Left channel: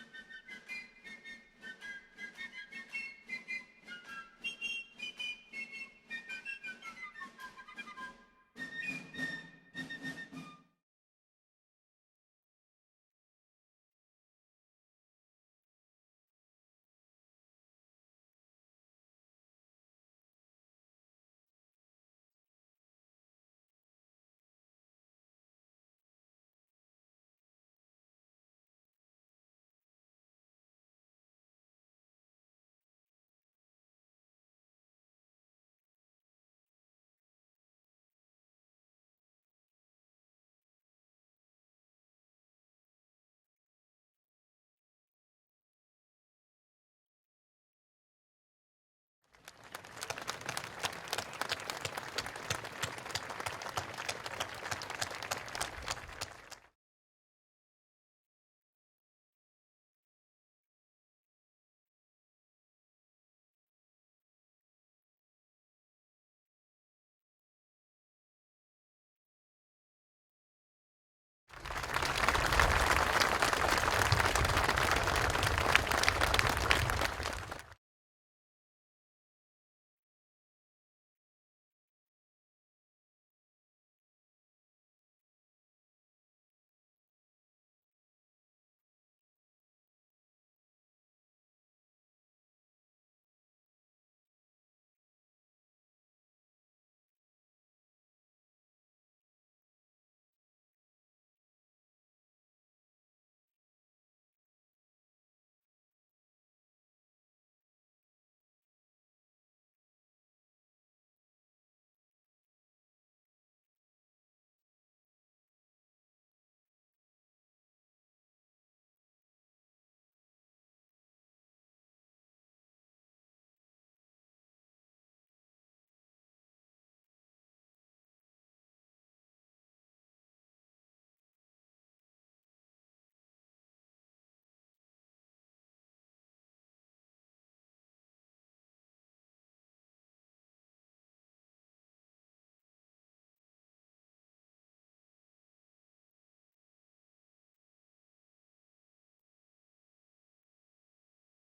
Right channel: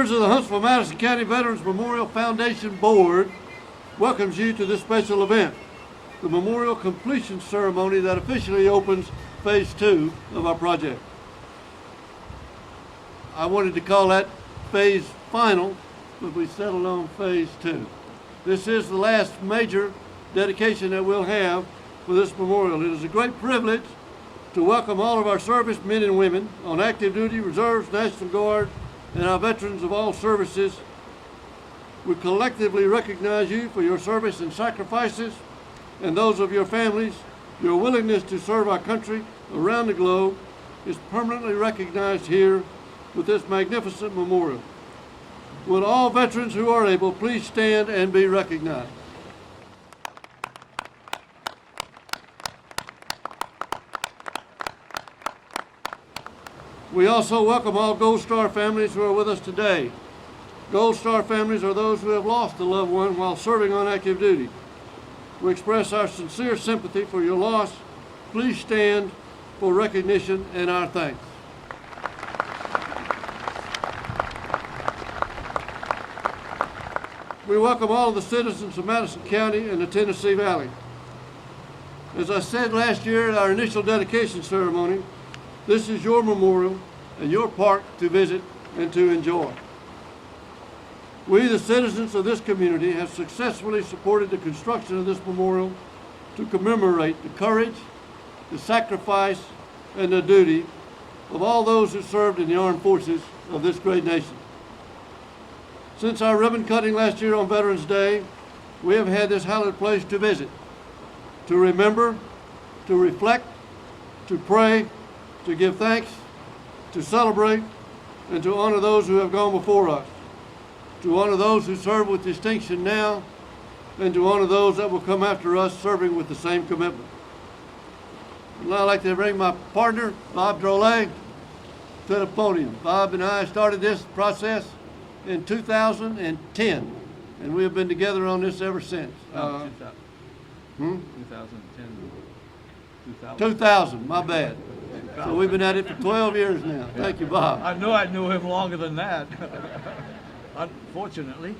Members of the Huntsville-Madison County Veterans Memorial Foundation Board welcomes you to this special event, the memorial completion ceremony that officially opens Phase 2 of our project. I wanted to call that Phase Final, but we settled on Phase 2. This is the last major dedication that we'll have for this memorial. It is a great privilege to welcome all of our service men and women on active duty, reserves, National Guard, and our veterans of all services. We collectively recognize you for your service and sacrifices, and those of your families. Your willingness to serve our country around the globe is permanently recognized here with this magnificent memorial. Will all veterans who are able please stand and be recognized? We also welcome all Gold Star families who are with us today. Gold Star families are those who have lost a loved one while serving on active duty. We express our sincere sympathy for your loss. Please stand for recognition and our thanks. We welcome all of the citizens of Madison County and the Tennessee Valley. As I said last year at our initial dedication ceremony, this is your memorial and your park to visit and to enjoy. We, the citizens of this community, have successfully supported the construction of this memorial to commemorate the courage, the sacrifice, and the duty of all those who served in the armed forces of this great nation. Since our ribbon cutting last year on Veterans Day, we have had this hallowed place to visit, to remember, to reflect, to pray, to give thanks, to celebrate, and to honor those who have gone before us, to honor those who serve with distinction now, and to honor those that will come after us serving with the same commitment. And I'd like to bring my partner, Bob Drolet, to the podium. Bob and I started this process in 2010, and we have been together on this ever since. 2000, my bad. So we've been at it for 12 years now. Thank you, Bob. I knew him longer than that, unfortunately.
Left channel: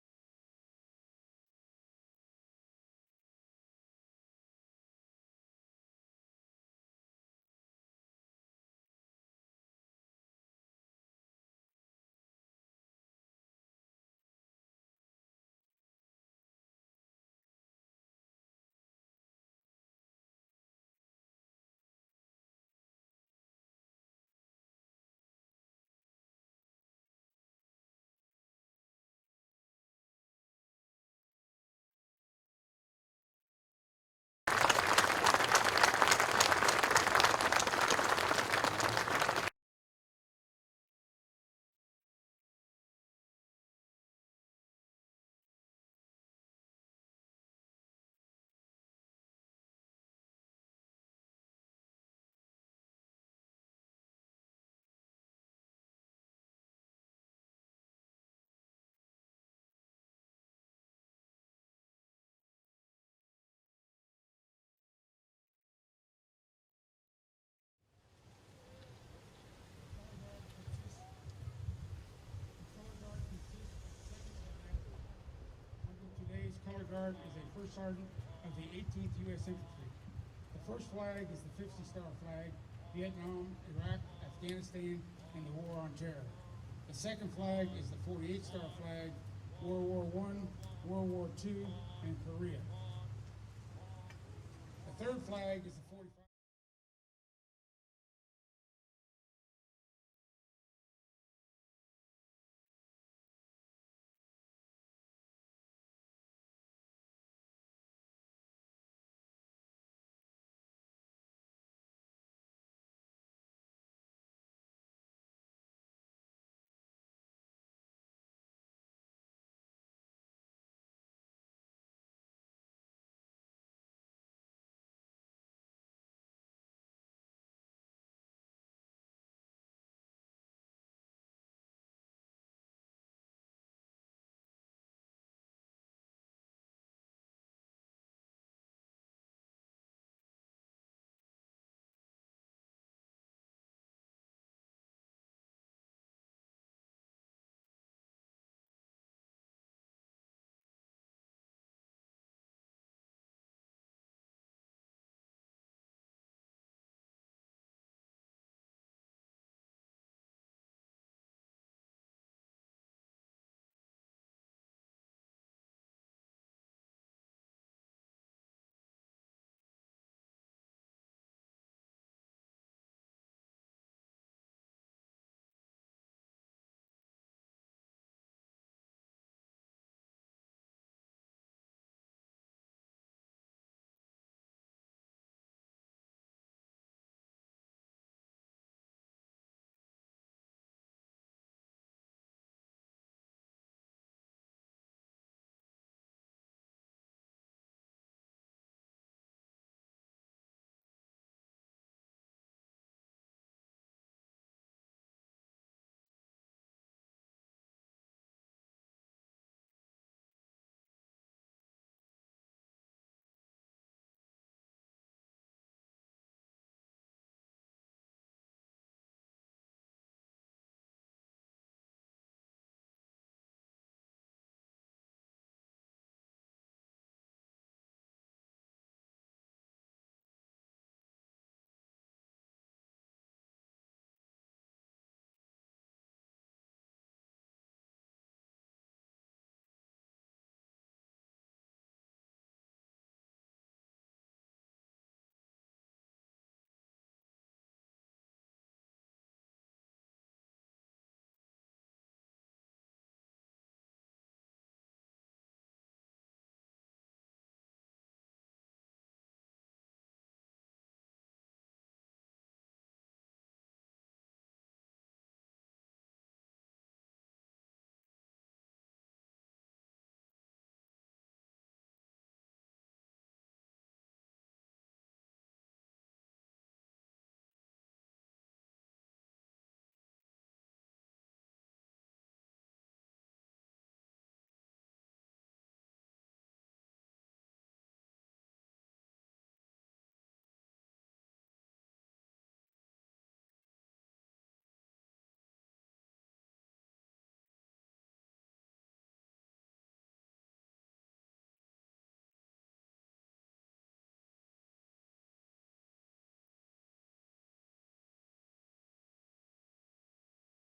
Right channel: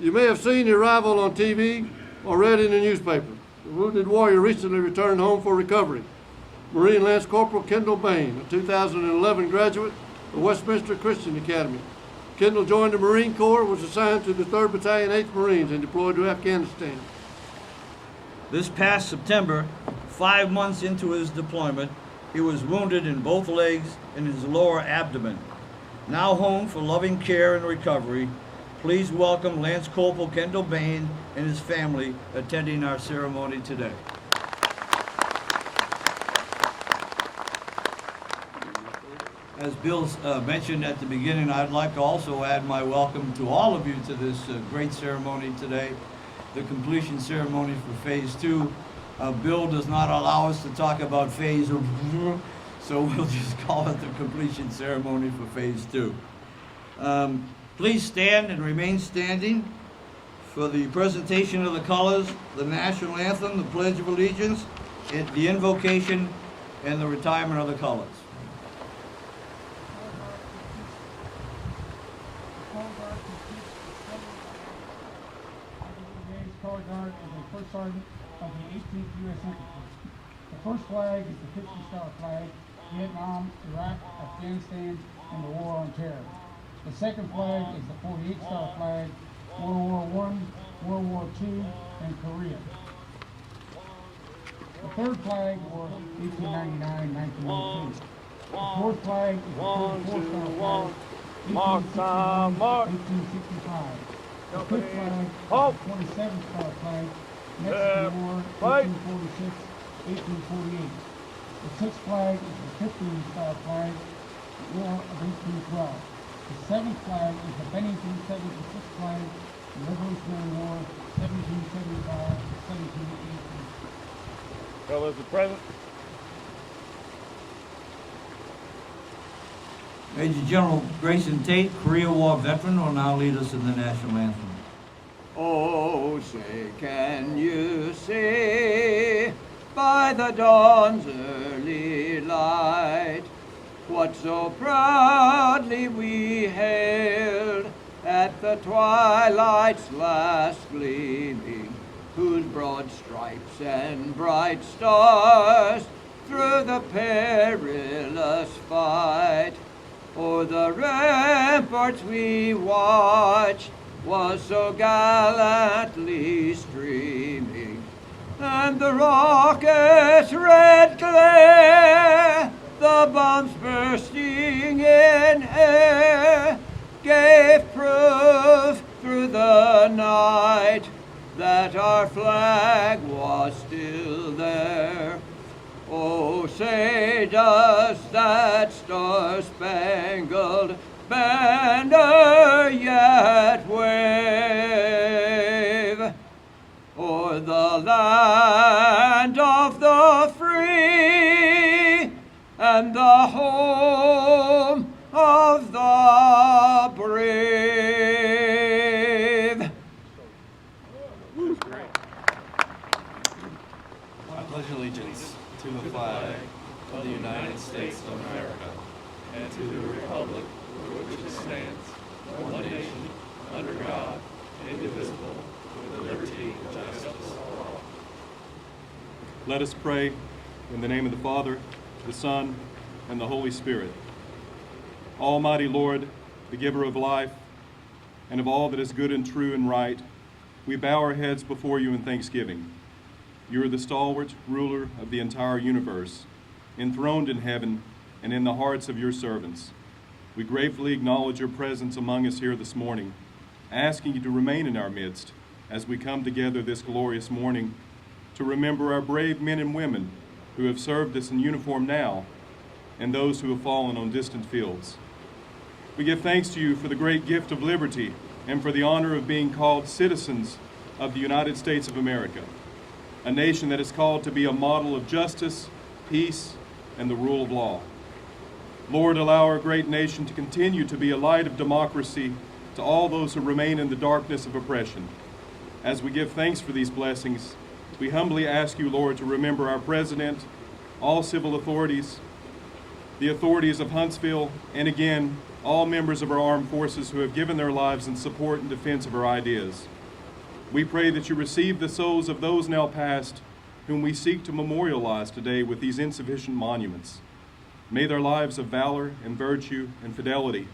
You may have seen the arrival on TV or read in the newspaper. The wounded warrior recently returned home for recovery. Marine Lance Corporal Kendall Bain, a 2011 graduate of Westminster Christian Academy. Kendall joined the Marine Corps, was assigned to the 3rd Battalion, 8th Marines, and deployed to Afghanistan. This past September, 5 months into his deployment, he was wounded in both legs and his lower abdomen. Now home for loving care and recovery, please welcome Lance Corporal Kendall Bain and his family attending our ceremony today. As Bill mentioned at the beginning, I'd like to also add my welcome to all of you to this great ceremony today, the completion ceremony for Phase 2. Bill does not allow us to talk about phase, so we'll just call it the completion ceremony for Phase 2. Please stand and remain standing for the presentation of the colors, the national anthem, the Pledge of Allegiance, the invocation, and the retirement of the colors. Color Guard as a first sergeant of the 18th U.S. Infantry. The first flag is the 50-star flag, Vietnam, Iraq, Afghanistan, and the War on Terror. The second flag is the 48-star flag, World War I, World War II, and Korea. The third flag was 1899-1902. The fourth flag is the 34-star flag, 1865. The fifth flag is the 27-star flag, Mexican War, 1846-1848. The sixth flag is the 15-star flag, War of 1812. The seventh flag is the Bennington 76th flag, the Revolutionary War, 1775-1718. Colors are present. Major General Grayson Tate, Korea War veteran, will now lead us in the national anthem. Oh, say, can you see by the dawn's early light what so proudly we hailed at the twilight's last gleaming, whose broad stripes and bright stars through the perilous fight o'er the ramparts we watched was so gallantly streaming, and the rocket's red glare, the bombs bursting in air, gave proof through the night that our flag was still there. Oh, say does that star-spangled banner yet wave o'er the land of the free and the home of the brave? I pledge allegiance to the flag of the United States of America and to the republic for which it stands, one nation, under God, indivisible, with liberty and justice for all. Let us pray in the name of the Father, the Son, and the Holy Spirit. Almighty Lord, the giver of life and of all that is good and true and right, we bow our heads before you in thanksgiving. You are the stalwart ruler of the entire universe, enthroned in heaven and in the hearts of your servants. We gratefully acknowledge your presence among us here this morning, asking you to remain in our midst as we come together this glorious morning to remember our brave men and women who have served us in uniform now and those who have fallen on distant fields. We give thanks to you for the great gift of liberty and for the honor of being called citizens of the United States of America, a nation that is called to be a model of justice, peace, and the rule of law. Lord, allow our great nation to continue to be a light of democracy to all those who remain in the darkness of oppression. As we give thanks for these blessings, we humbly ask you, Lord, to remember our president, all civil authorities, the authorities of Huntsville, and again, all members of our armed forces who have given their lives in support and defense of our ideas. We pray that you receive the souls of those now past whom we seek to memorialize today with these insufficient monuments. May their lives of valor and virtue and fidelity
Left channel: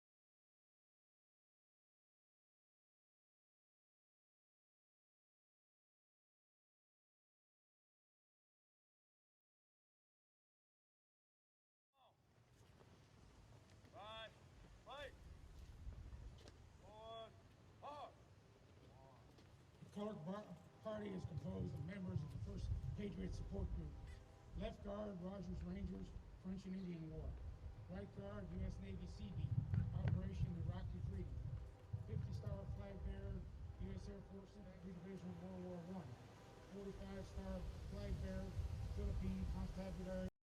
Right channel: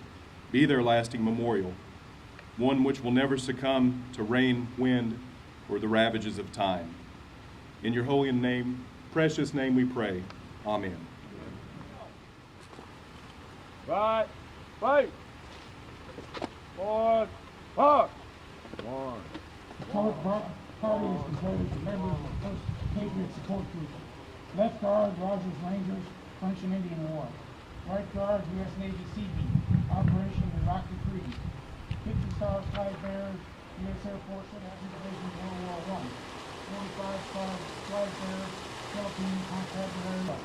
be their lasting memorial, one which will never succumb to rain, wind, or the ravages of time. In your holy name, precious name we pray. Amen. Right, fight. Forward, march. One. The colored party is composed of members of the First Patriot Support Group. Left guard, Rogers Rangers, French and Indian War. Right guard, U.S. Navy Sea Beat, Operation Iraqi Freeze. 50 Star Flag Bearers, U.S. Air Force Action Division, World War I. 45 Star Flag Bearers, Philippine Constabulary. 15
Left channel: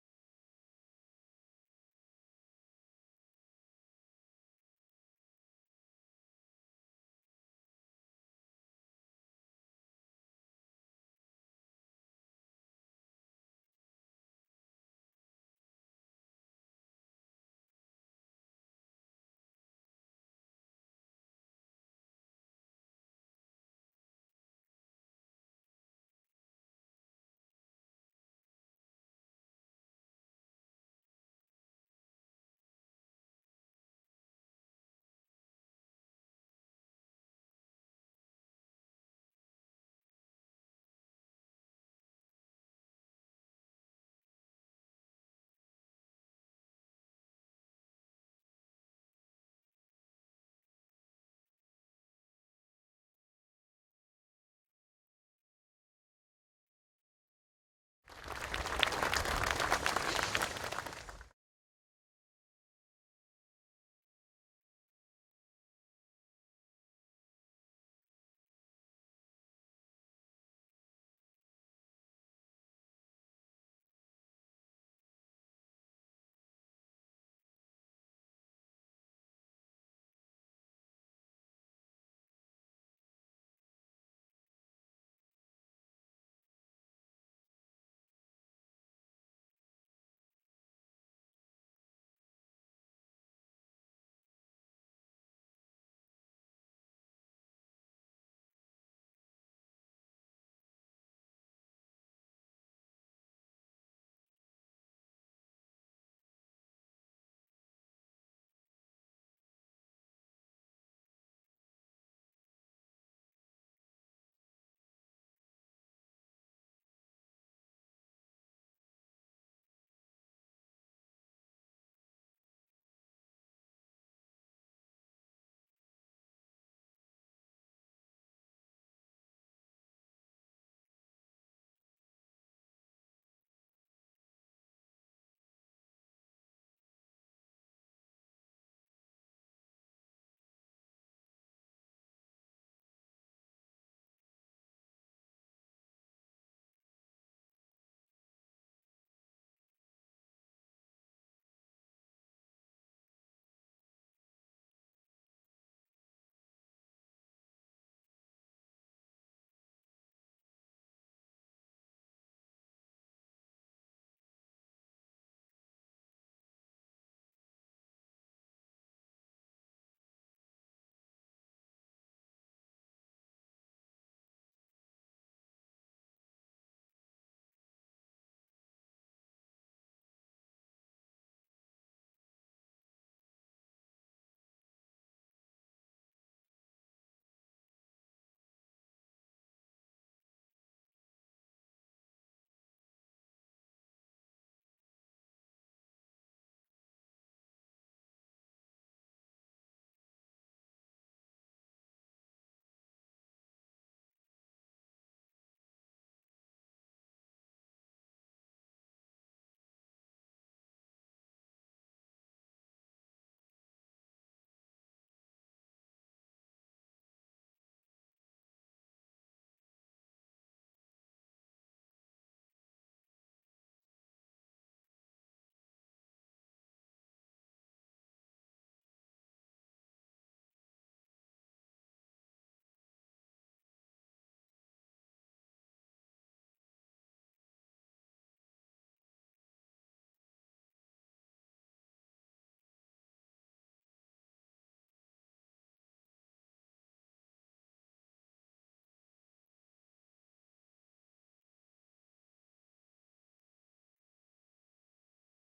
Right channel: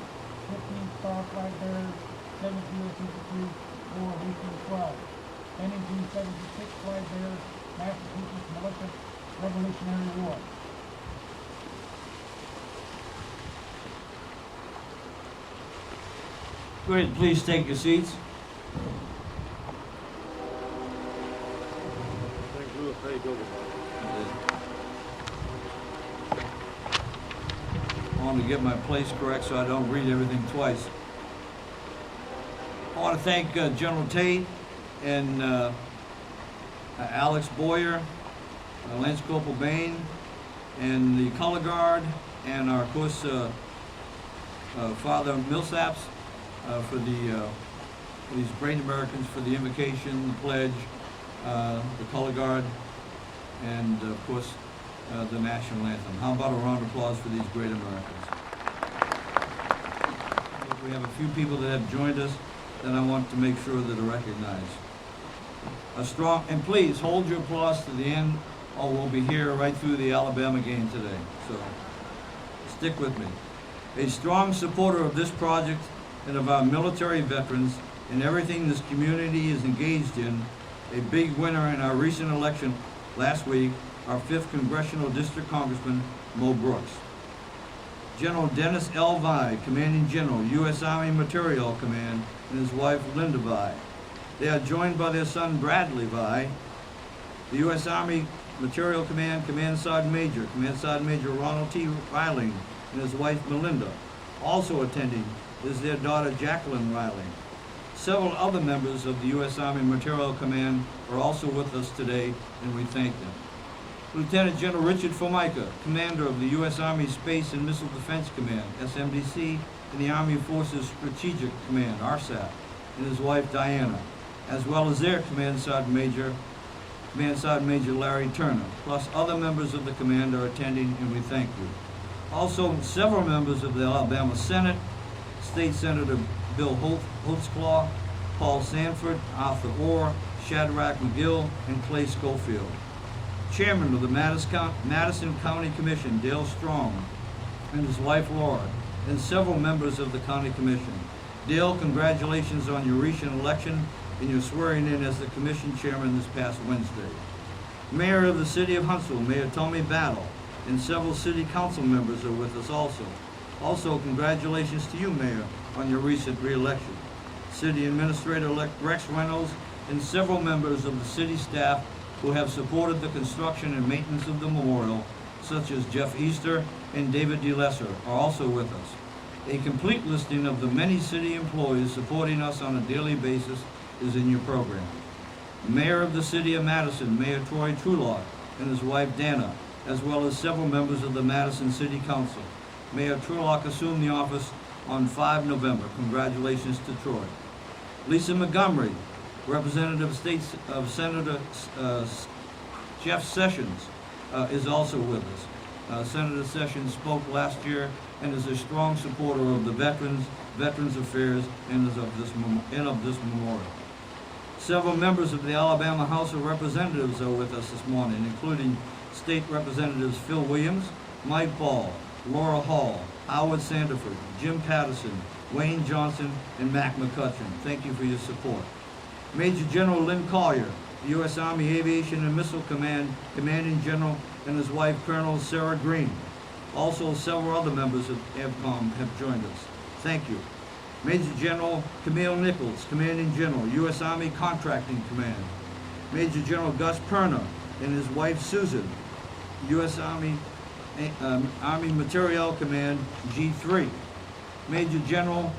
Star Flag Bearers, 7th U.S. Infantry, War of 1812. Bennington 76 Flag Bearers, Massachusetts Militia, Revolutionary War. Great, please take your seats. I want to get my place correct so I don't read everything twice. I want to thank General Tate and Alex Boyer, Lance Corporal Bain, and the Color Guard, and our, of course, Father Millsaps for these brave Americans for the invocation, the pledge, the Color Guard, and of course the national anthem. How about a round of applause for these great Americans? We have a few people that have joined us that I want to make sure that are recognized. A strong, and please hold your applause to the end, or we'll be here right through the Alabama game today. So stick with me. A strong supporter of this project and of our military veterans and everything this community is engaged in, a big winner in our recent election last week, our 5th Congressional District Congressman, Mo Brooks. General Dennis L. Vide, Commanding General, U.S. Army Materiel Command, and his wife Linda Vi. They are joined by their son Bradley Vi, the U.S. Army Material Command Command Sergeant Major Ronald T. Riling, and his wife Melinda. Also attending is their daughter Jacqueline Riling. Several other members of the U.S. Army Material Command are also with us today, and we thank them. Lieutenant General Richard Formica, Commander of the U.S. Army Space and Missile Defense Command, SMDC, and the Army Forces Strategic Command, RSAP, and his wife Diana, as well as their Command Sergeant Major Larry Turner, plus other members of the command are attending, and we thank you. Also, several members of the Alabama Senate, State Senator Bill Holtzclaw, Paul Sanford, Arthur Orr, Shadrach McGill, and Clay Schofield. Chairman of the Madison County Commission, Dale Strong, and his wife Laura, and several members of the County Commission. Dale, congratulations on your recent election and your swearing in as the Commission Chairman this past Wednesday. Mayor of the City of Huntsville, Mayor Tommy Battle, and several City Council members are with us also. Also, congratulations to you, Mayor, on your recent re-election. City Administrator-elect Rex Reynolds and several members of the city staff who have supported the construction and maintenance of the memorial, such as Jeff Easter and David DeLesser, are also with us. A complete listing of the many city employees supporting us on a daily basis is in your program. Mayor of the City of Madison, Mayor Troy Trulock, and his wife Dana, as well as several members of the Madison City Council. Mayor Trulock assumed the office on 5 November. Congratulations to Troy. Lisa Montgomery, Representative of Senator Jeff Sessions, is also with us. Senator Sessions spoke last year and is a strong supporter of the Veterans Affairs, and of this memorial. Several members of the Alabama House of Representatives are with us this morning, including State Representatives Phil Williams, Mike Ball, Laura Hall, Howard Sandiford, Jim Patterson, Wayne Johnson, and Mac McCutcheon. Thank you for your support. Major General Lynn Collier, U.S. Army Aviation and Missile Command Commanding General, and his wife Colonel Sarah Green. Also, several other members of AVCOM have joined us. Thank you. Major General Camille Nichols, Commanding General, U.S. Army Contracting Command. Major General Gus Perna and his wife Susan, U.S. Army Materiel Command, G3. Major General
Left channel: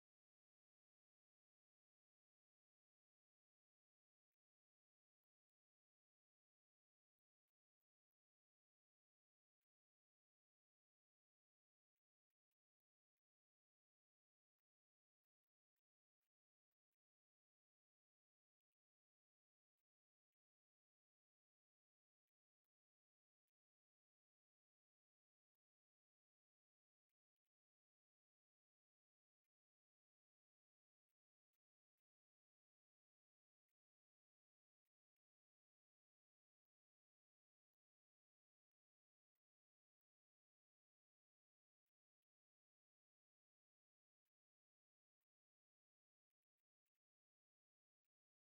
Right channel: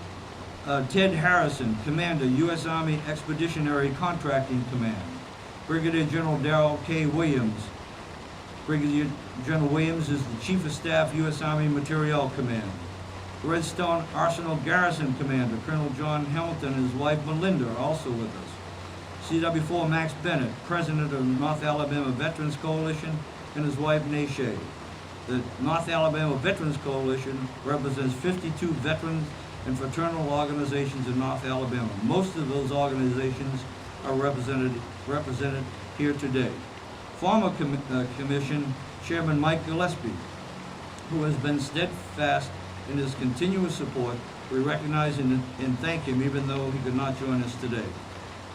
Ted Harrison, Commander, U.S. Army Expeditionary Contracting Command. Brigadier General Darrell K. Williams. Brigadier General Williams is the Chief of Staff, U.S. Army Materiel Command. Redstone Arsenal Garrison Commander, Colonel John Hamilton and his wife Melinda are also with us. CW4 Max Bennett, President of the North Alabama Veterans Coalition, and his wife Nashay. The North Alabama Veterans Coalition represents 52 veterans and fraternal organizations in North Alabama. Most of those organizations are represented here today. Former Commission Chairman Mike Gillespie, who has been steadfast in his continuous support, we recognize and thank him even though he could not join us today.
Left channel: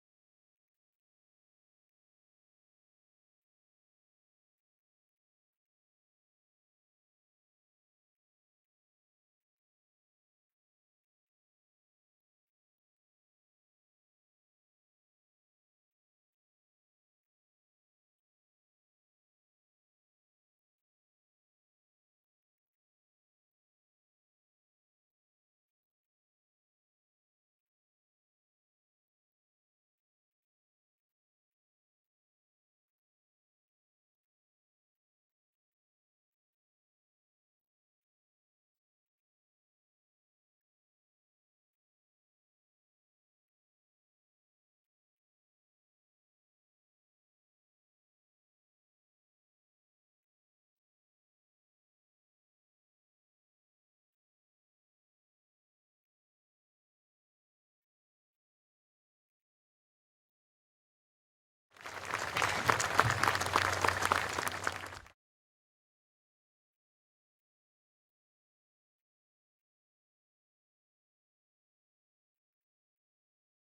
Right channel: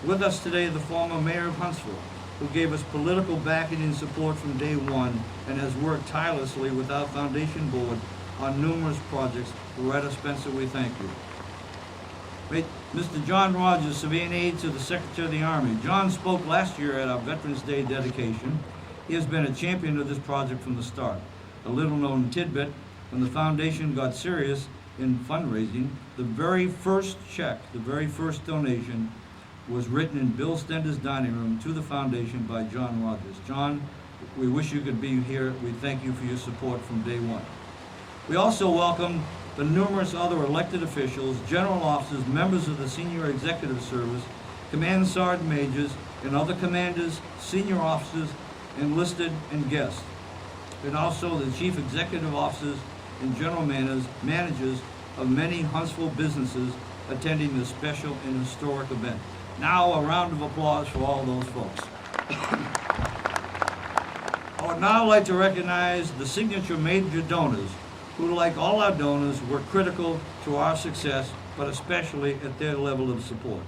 With us today, the former Mayor of Huntsville, who gave us political backing and support from day one and has worked tirelessly with our foundation board on numerous projects. Loretta Spencer, we thank you. Mr. John Rogers, Civilian Aide to the Secretary of the Army. John spoke last year at our Veterans Day dedication. He has been a champion of this project from the start. A little known tidbit, when the foundation got serious in fundraising, the very first check, the very first donation was written in Bill Stender's dining room to the foundation by John Rogers. John, we wish you could be here. We thank you for your support from day one. We also welcome the numerous other elected officials, general officers, members of the Senior Executive Service, command sergeant majors, and other commanders, senior officers, enlisted, and guests. And also the chief executive officers and general managers of many Huntsville businesses attending this special and historic event. Now a round of applause for all those folks. I would now like to recognize the signature major donors who, like all our donors, were critical to our success, but especially at their level of support.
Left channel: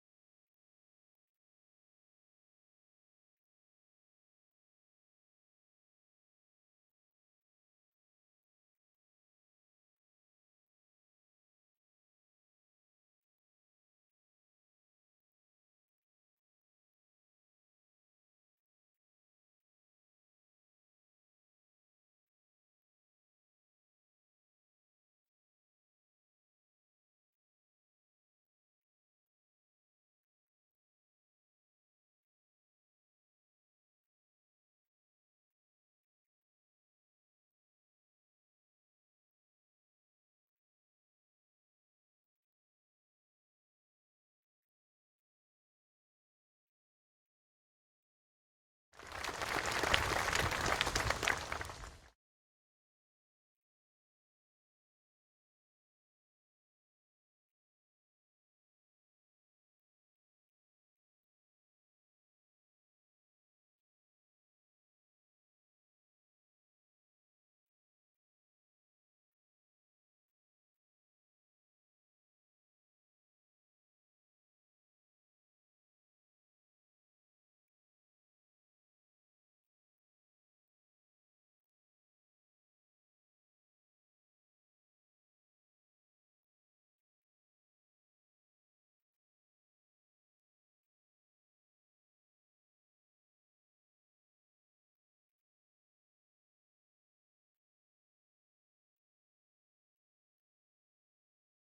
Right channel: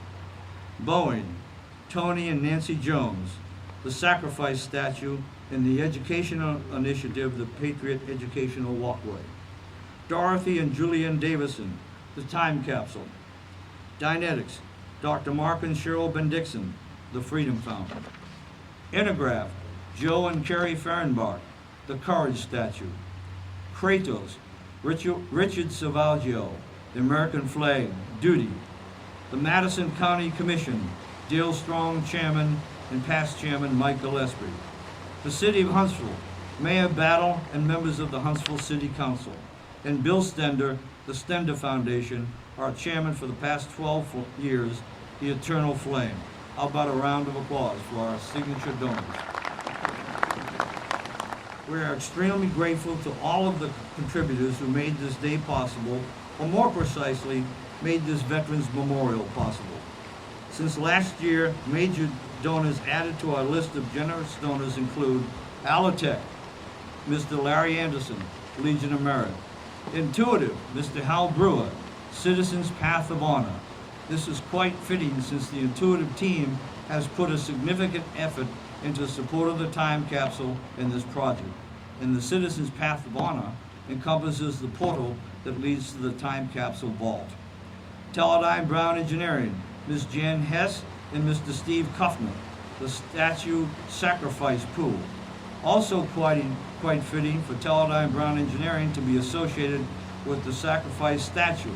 Boeing, Tony and Nancy Jones, the Sacrifice Statue, and the educational initiative, the Patriot Educational Walkway. Dorothy and Julian Davidson, the Time Capsule. Dynetics, Dr. Mark and Cheryl Bendixson, the Freedom Fountain. Intergraph, Joe and Carrie Fehrenbach, the Courage Statue. Kratos, Richard Savaggio, the American Flag, Duty. The Madison County Commission, Dale Strong, Chairman, and past Chairman Mike Gillespie. The City of Huntsville, Mayor Battle and members of the Huntsville City Council. And Bill Stender, the Stender Foundation, our chairman for the past 12 years, the Eternal Flame. How about a round of applause for our signature donors? We are extremely grateful to all of the contributors who made this day possible, or more precisely, made this Veterans Memorial possible. Since last year, major donors added to our list of generous donors include Alotech, Mr. Larry Anderson, Legion of Merit. Intuitive, Mr. Hal Brewer, Citizens Path of Honor. This is quite fitting since the Intuitive team has put a significant effort into support of the time capsule in this project. And the Citizens Path of Honor encompasses the portal that leads to the time capsule vault. Teledyne Brown Engineering, Ms. Jan Hess and Mr. Steve Kuffner, the statue sacrifice pool. Also quite fitting for Teledyne Brown Engineering to be associated with the sacrifice statue.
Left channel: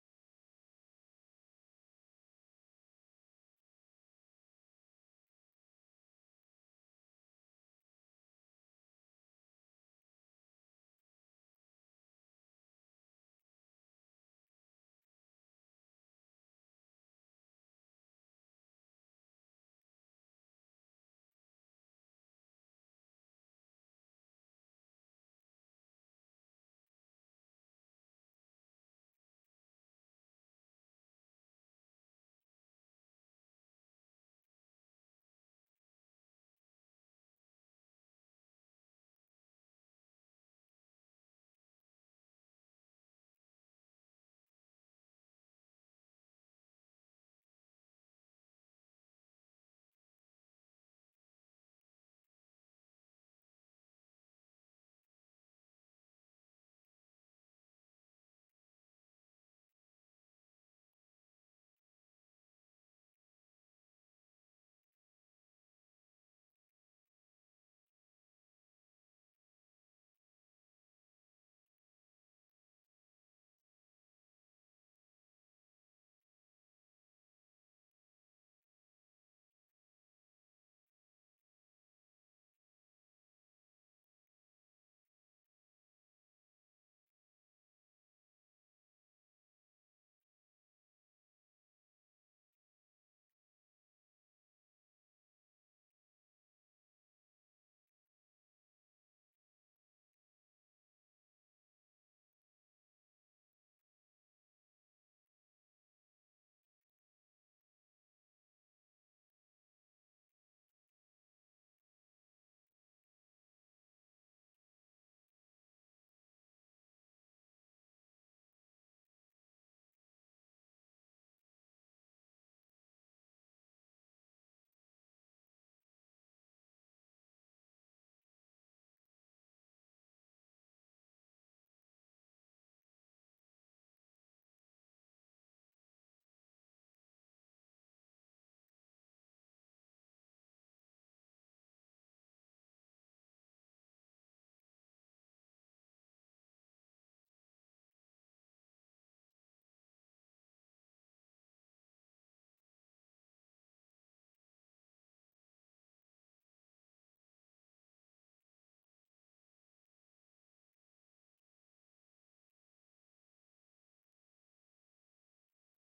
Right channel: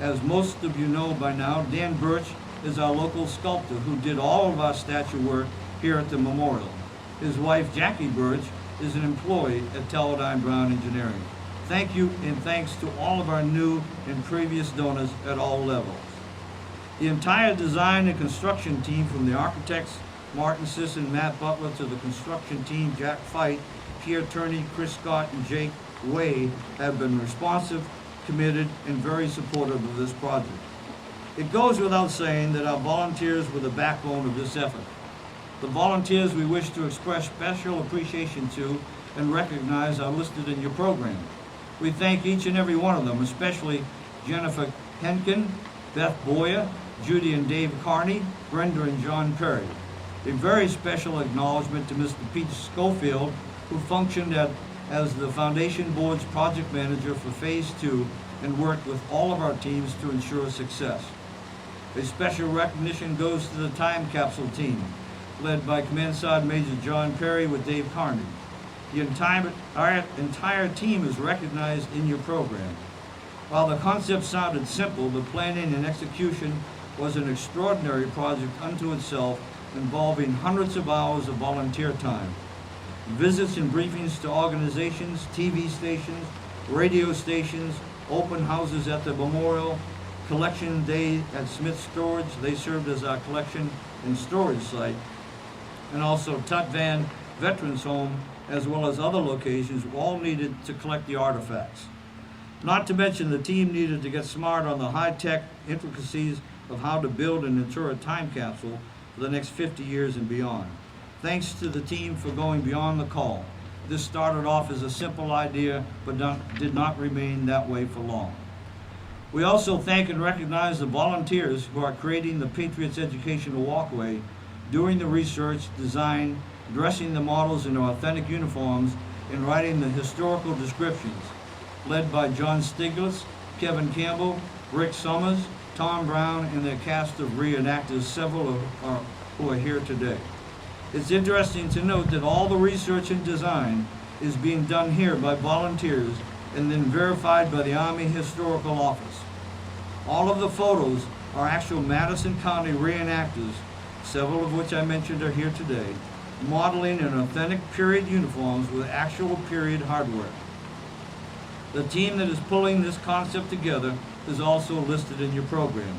As most of you know by now, Dan Burch is our local sculptor who did all of our statue work here at the memorial. His wife, Jackie Burch, is an employee at Teledyne Brown Engineering. Thank you, and thanks to all of our new and previous donors at all levels. The entire design and construction team, from the architects, Martin Siss and Matt Butler, to the construction team, Jack Fight, Pierre Turney, Chris Scott, and Jake Way, have been responsive, committed, and very supportive of this project. It goes without saying that our volunteers were the backbone of this effort. The volunteers we wish to express special appreciation to and recognize are listed in your program. We thank each and every one of them, especially Jennifer Henkin, Beth Boyer, Judy and Dave Carney, Brenda and John Perry. A very special acknowledgement to Mr. Pete Schofield, who functioned as the Foundation Board's project manager for Phase 2 and worked with all of our teams to ensure success. A special recognition goes to the time capsule team, led by Command Sergeant Major John Perry with Dave Carney. Our entire team is recognized in your program. While the concept sounded simple, the planning and execution was an extraordinary project unto itself, involving hundreds of hours of volunteer time. Visits and briefings to organizations, TV stations, radio stations, open houses at the memorial, collection day at Smith Storage. They served as our collection and storage site. And also Tut Van Veterans Home, as well as other locations, all needed to collect the artifacts. Not to mention the team needed to get smart on the high-tech intricacies of how to build and ensure a time capsule for the next 50 years and beyond. Thanks to the team for going beyond the call. This started off as a simple idea, but did not remain that way for long. We also thank and recognize the volunteers who are creating the Patriots Educational Walkway, doing the research, design, dressing the models in authentic uniforms, and writing the historical descriptions, led by John Stieglitz, Kevin Campbell, Rick Summers, Tom Brown, and their cast of reenactors, several who are here today. It's interesting to note that all the research and design is being done here by volunteers and then verified by the Army Historical Office. All of the photos are actual Madison County reenactors, several of which I mentioned are here today, modeling in authentic period uniforms with actual period hardware. The team that is pulling this concept together is also listed in your program.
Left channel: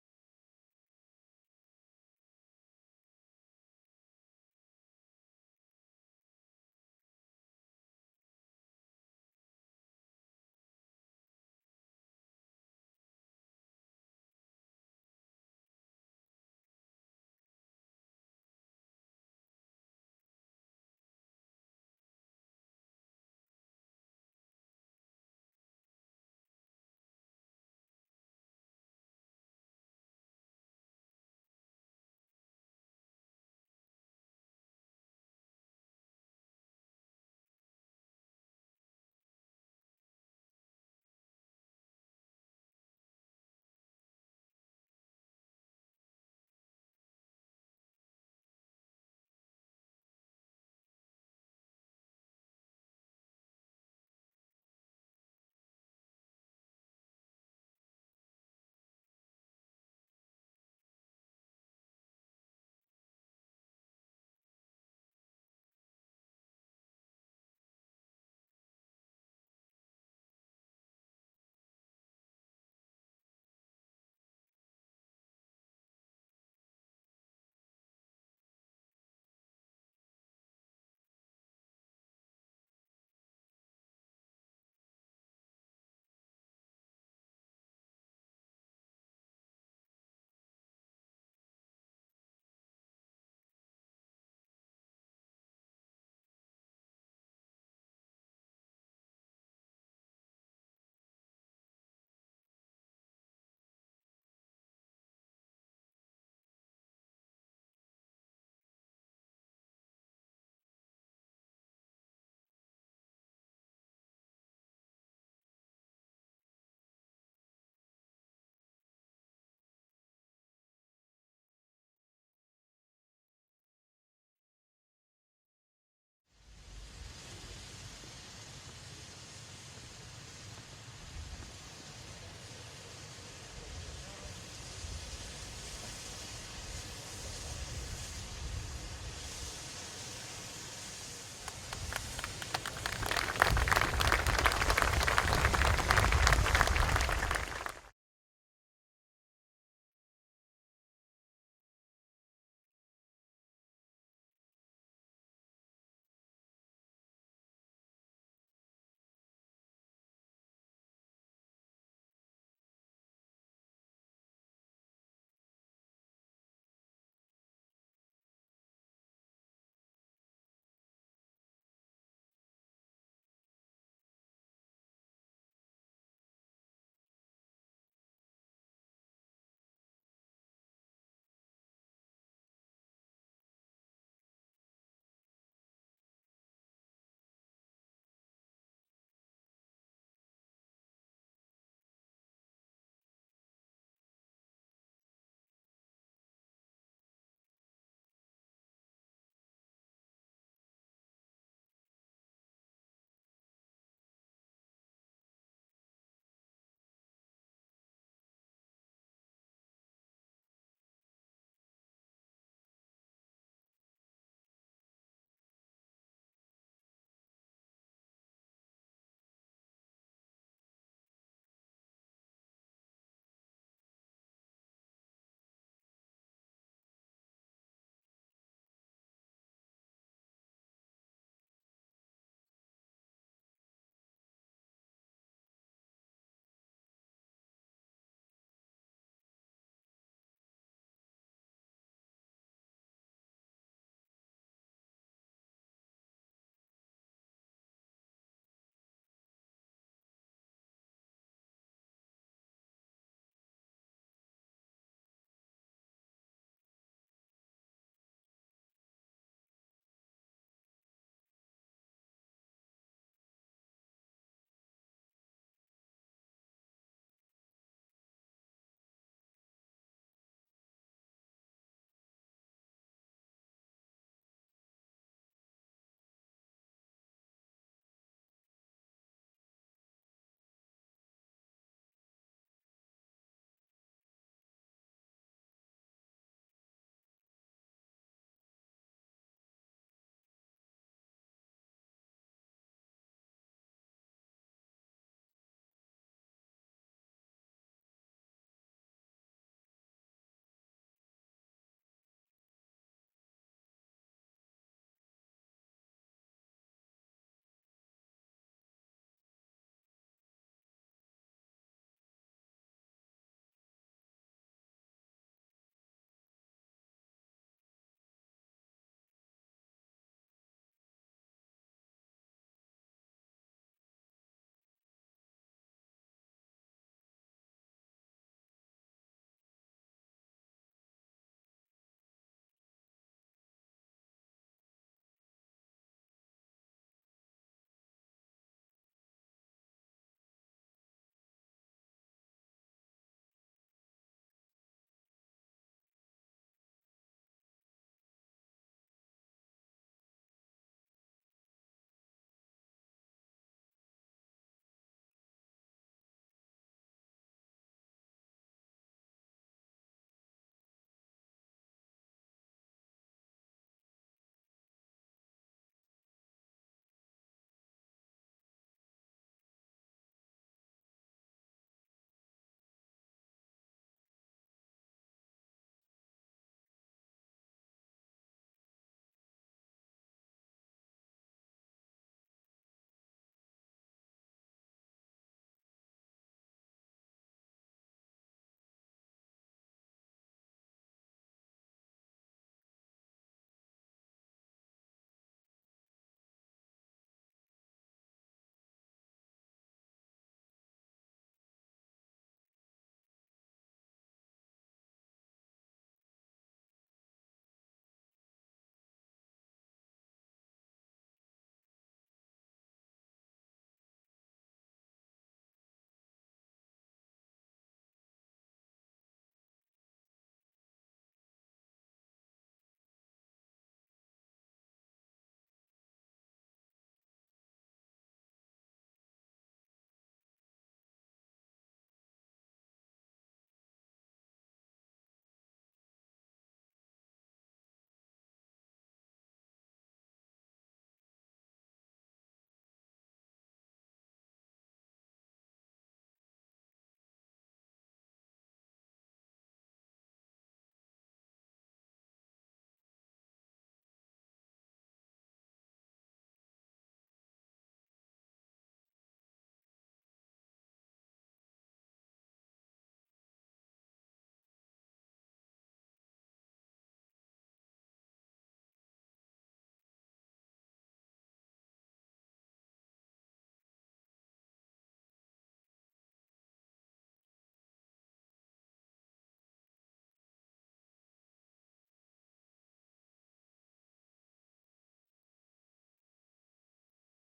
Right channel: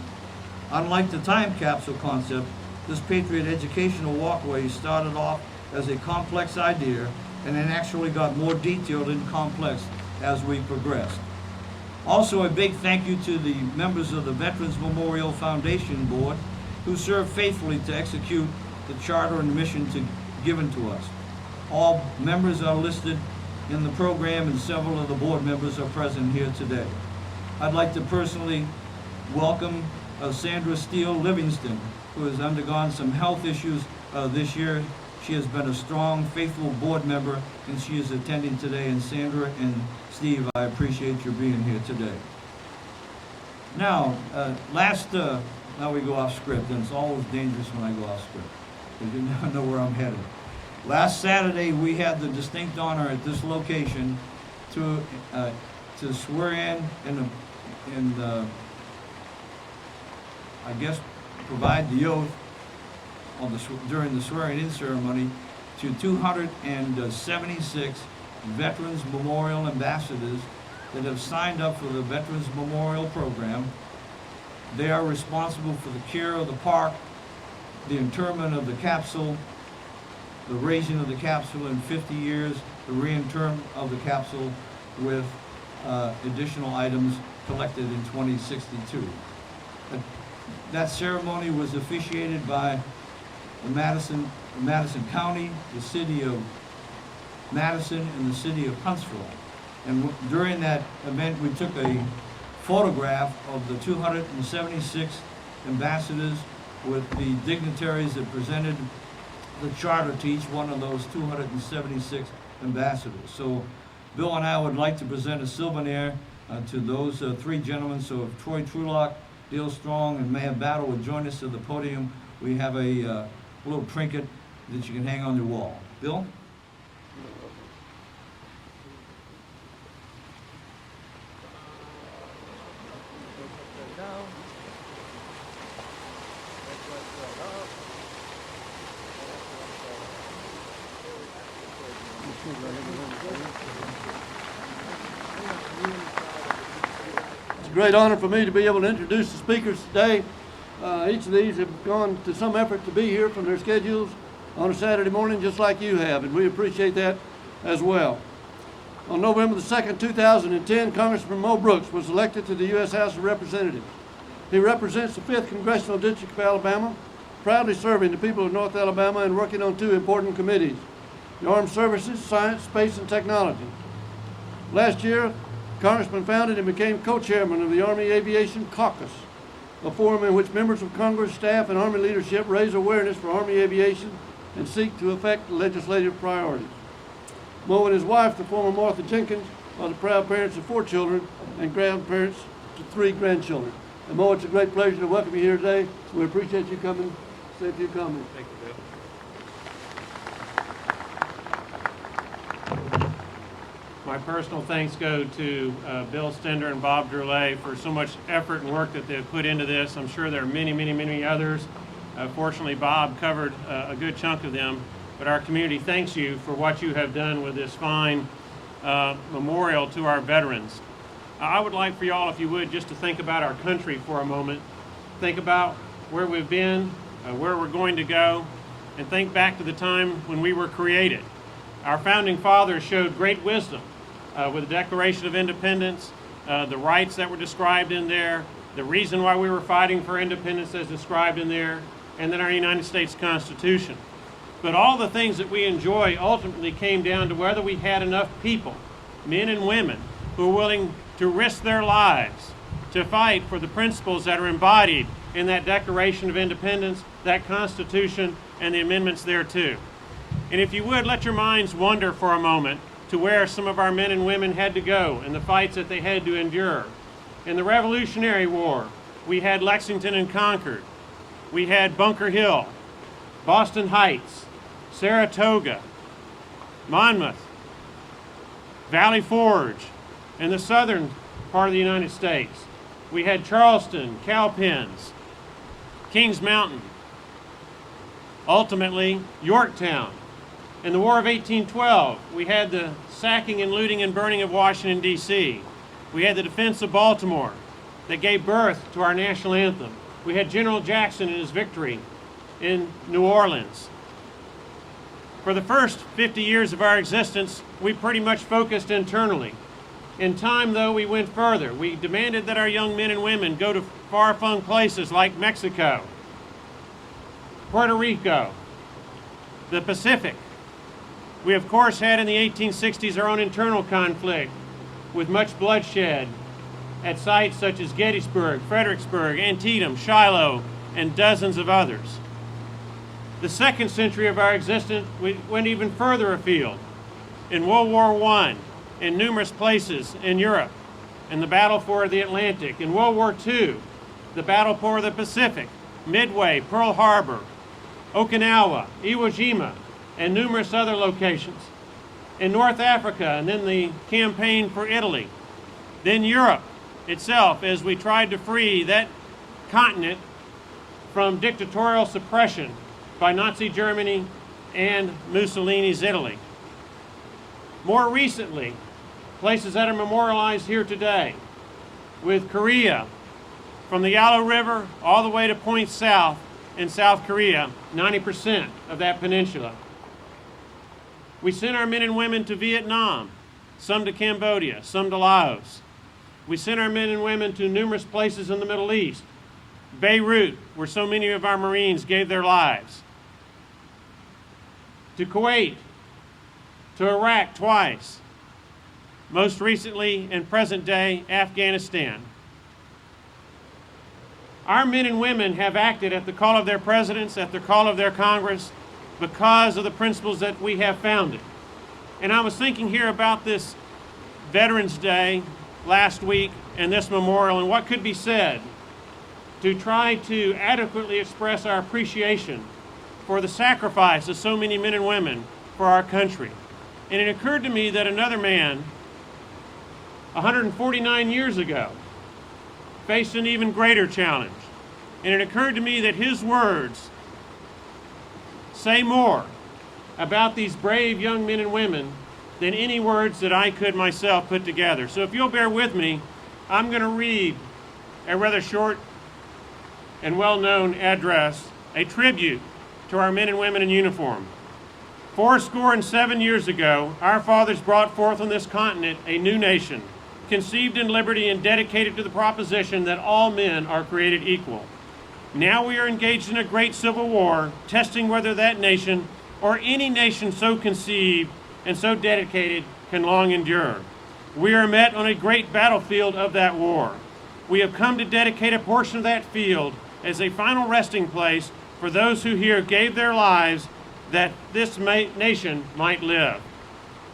Unlike the time capsule concept, this Patriot Educational Walkway started off as a complex idea and then actually got more detailed and complex as we progressed. Also, a big thank you to the members of the Veterans Memorial Foundation Board who served faithfully to execute the charter and mission given to us. All members are listed in the program, and several of the board members are present here today. I'd like to personally welcome Sandra Steele Livingston, who has undergone some health issues this year. She has been a strong, faithful board member, and she is attending today. And Sandra and Steve, I appreciate your being here today. Now, now we go off script, and it's always dangerous when I go off script, because you never know where I'm headed. Last Saturday, we had the distinct honor at this location to swear in and I guess provide the oath on during the swearing-in ceremony to 276 Veterans Memorial Ambassadors that have signed up for the Veterans Memorial Program. They are responsible for the care of the park, the interment of the capsule, the raising of the capsule in 50 years, the reinterment of the capsule with additional items collected in 2062. That ceremony was officiated by the Madison County, the city of Madison, and the city of Huntsville. And during that event, we took a photograph of the 276 ambassadors with the dignitaries that presented the charter to each one of those 276 ambassadors. So Bill and I would like to present a souvenir to those three gentlemen. So if Troy Trulock, Dale Strong, and Maya Battle would join us at the podium, we have a little trinket that you can hang on your wall. Bill? It's a great honor for me to be able to introduce the speakers today. Each of these have gone to some effort to be here from their schedules on a Saturday morning, just like you have, and we appreciate that as well. On November the 2nd, 2010, Congressman Mo Brooks was elected to the U.S. House of Representatives. He represents the 5th Congressional District of Alabama, proudly serving the people of North Alabama and working on two important committees: the Armed Services, Science, Space, and Technology. Last year, Congressman founded and became co-chairman of the Army Aviation Caucus, a forum in which members of Congress, staff, and Army leadership raise awareness for Army aviation and seek to affect legislative priorities. Mo and his wife, the former Martha Jenkins, are the proud parents of 4 children and grandparents to 3 grandchildren. And Mo, it's a great pleasure to welcome you here today. We appreciate you coming. Say a few comments. Thank you, Bill. My personal thanks go to Bill Stender and Bob Drolet for so much effort and work that they've put into this. I'm sure there are many, many, many others. Fortunately, Bob covered a good chunk of them, but our community thanks you for what you have done with this fine memorial to our veterans. I would like for y'all, if you would, just to think about our country for a moment. Think about where we've been, where we're going to go, and think back to the time when we were created. Our founding fathers showed great wisdom with the Declaration of Independence, the rights that were described in there, the reason why we were fighting for independence as described in there, and then our United States Constitution. But all the things that we enjoy ultimately came down to whether we had enough people, men and women, who were willing to risk their lives to fight for the principles that are embodied in that Declaration of Independence, that Constitution, and the amendments thereto. And if you would, let your minds wander for a moment to where some of our men and women had to go and the fights that they had to endure. In the Revolutionary War, we had Lexington and Concord. We had Bunker Hill, Boston Heights, Saratoga, Monmouth, Valley Forge, in the southern part of the United States. We had Charleston, Cowpens, Kings Mountain, ultimately Yorktown. In the War of 1812, we had the sacking and looting and burning of Washington, D.C. We had the defense of Baltimore that gave birth to our national anthem. We had General Jackson and his victory in New Orleans. For the first 50 years of our existence, we pretty much focused internally. In time, though, we went further. We demanded that our young men and women go to far-flung places like Mexico, Puerto Rico, the Pacific. We, of course, had in the 1860s our own internal conflict with much bloodshed at sites such as Gettysburg, Fredericksburg, Antietam, Shiloh, and dozens of others. The second century of our existence, we went even further afield. In World War I, in numerous places in Europe, and the battle for the Atlantic. In World War II, the battle for the Pacific, Midway, Pearl Harbor, Okinawa, Iwo Jima, and numerous other locations. In North Africa, and then the campaign for Italy. Then Europe itself, as we tried to free that continent from dictatorial suppression by Nazi Germany and Mussolini's Italy. More recently, places that are memorialized here today, with Korea, from the Yalu River all the way to Point South in South Korea, 90% of that peninsula. We sent our men and women to Vietnam, some to Cambodia, some to Laos. We sent our men and women to numerous places in the Middle East, Beirut, where so many of our Marines gave their lives, to Kuwait, to Iraq twice, most recently in present day Afghanistan. Our men and women have acted at the call of their presidents, at the call of their Congress, because of the principles that we have founded. And I was thinking here about this Veterans Day last week and this memorial and what could be said to try to adequately express our appreciation for the sacrifice of so many men and women for our country. And it occurred to me that another man, 149 years ago, faced an even greater challenge. And it occurred to me that his words say more about these brave young men and women than any words that I could myself put together. So if you'll bear with me, I'm going to read a rather short and well-known address, a tribute to our men and women in uniform. 77 years ago, our fathers brought forth on this continent a new nation, conceived in liberty and dedicated to the proposition that all men are created equal. Now we are engaged in a great civil war, testing whether that nation or any nation so conceived and so dedicated can long endure. We are met on a great battlefield of that war. We have come to dedicate a portion of that field as a final resting place for those who here gave their lives that this nation might live.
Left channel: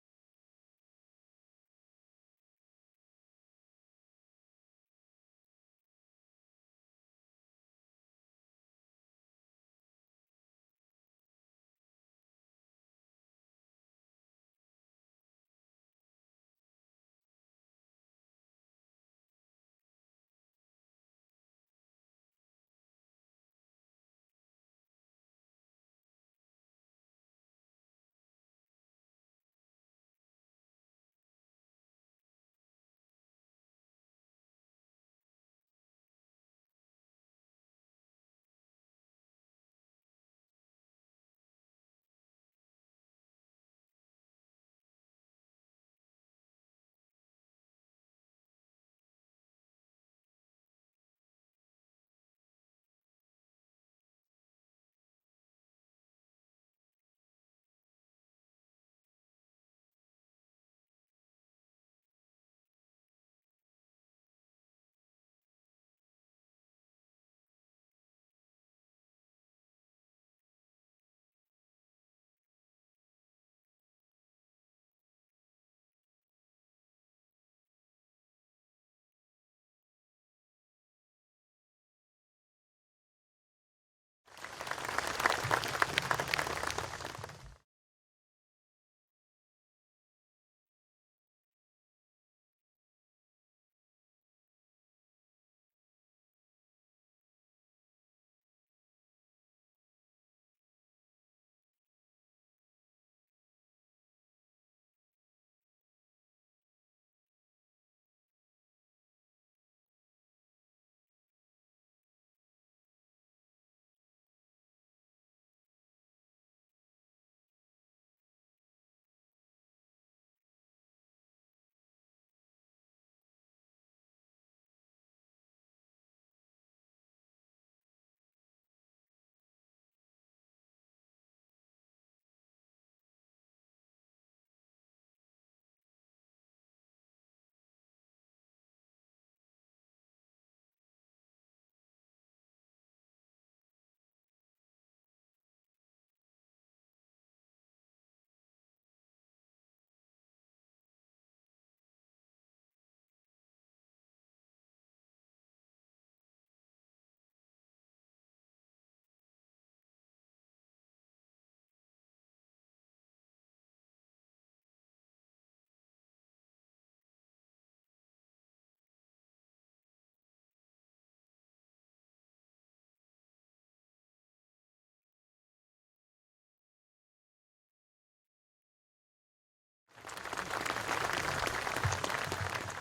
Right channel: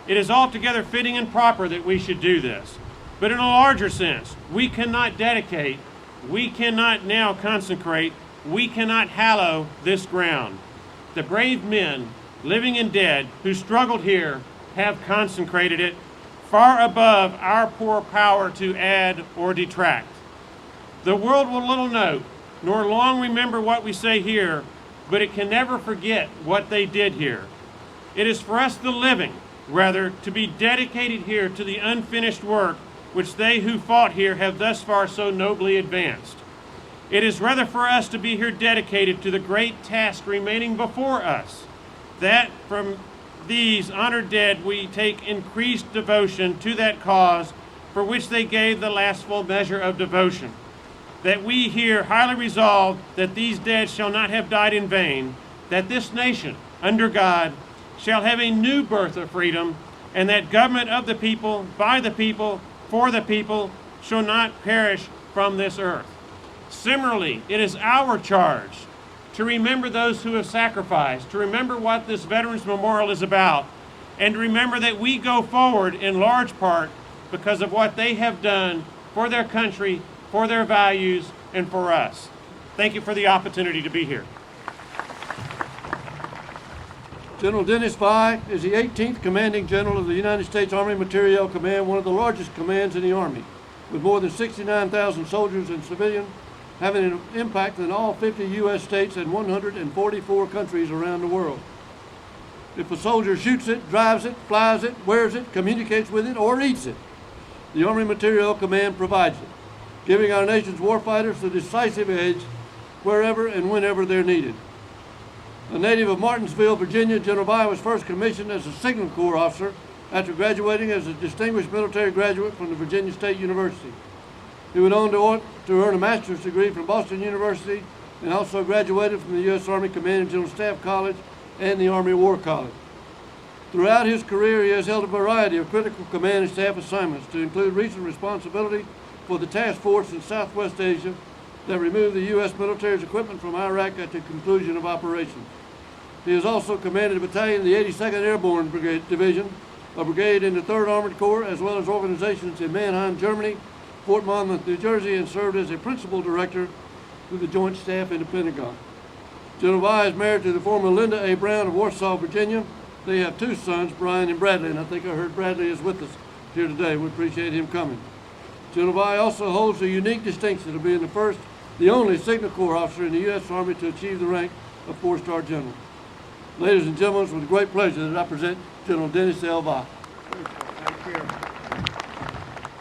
It is altogether fitting and proper that we should do this. But in a larger sense, we cannot dedicate, we cannot now consecrate, we cannot hallow this ground. The brave men, living and dead, who struggled here have consecrated it far above our poor power to add or detract. The world will little note, nor long remember what we say here, but it can never forget what they did here. It is for us, the living, rather, to be dedicated here to the unfinished work which they who fought here have thus far so nobly advanced. It is rather for us to be here dedicated to the great task remaining before us, that from these honored dead we take increased devotion to that cause for which they gave the last full measure of devotion. That we here highly resolve that these dead shall not have died in vain, that this nation, under God, shall have a new birth of freedom, and that government of the people, by the people, for the people, shall not perish from this earth. Similarly, it is our charge to remember those who have sacrificed, to remember what this Veterans Memorial is about, and to remember that we go forward in large part because of what they have done for their country, for their values, and for us. Thank you for the opportunity to be here. General Dennis Fye is the 18th Commanding General of the United States Army Materiel Command, one of the largest commands in the Army, with more than 69,000 soldiers and civilians, having an impact in all 50 U.S. states and 144 countries around the world. If a soldier shoots it, drives it, flies it, wears it, communicates with it, or eats it, the Army Materiel Command provides it, giving our nation's warfighters the decisive edge wherever and whenever they're needed. A native of Martinsville, Virginia, General Fye was first commissioned as a Signal Corps officer after graduating as a distinguished military graduate from the Virginia State University. He went on to earn a master's degree from Boston University and also graduated from the U.S. Army Command and General Staff College and the Army War College. Throughout his career, he has held a variety of critical command and staff assignments, to include recent responsibility for the task force in Southwest Asia that removed the U.S. military's equipment from Iraq at the conclusion of operations. He has also commanded a battalion of the 82nd Airborne Brigade Division, a brigade in the 3rd Armored Corps, as well as organizations in Mannheim, Germany, Fort Monmouth, New Jersey, and served as a principal director through the Joint Staff in the Pentagon. General Vi is married to the former Linda A. Brown of Warsaw, Virginia. They have 2 sons, Brian and Bradley, and I think I heard Bradley is with us here today. We appreciate him coming. General Vi also holds the unique distinction of being the only Signal Corps officer in the U.S. Army to achieve the rank of 4-star general. Ladies and gentlemen, it's with great pleasure that I present General Dennis L. Vi.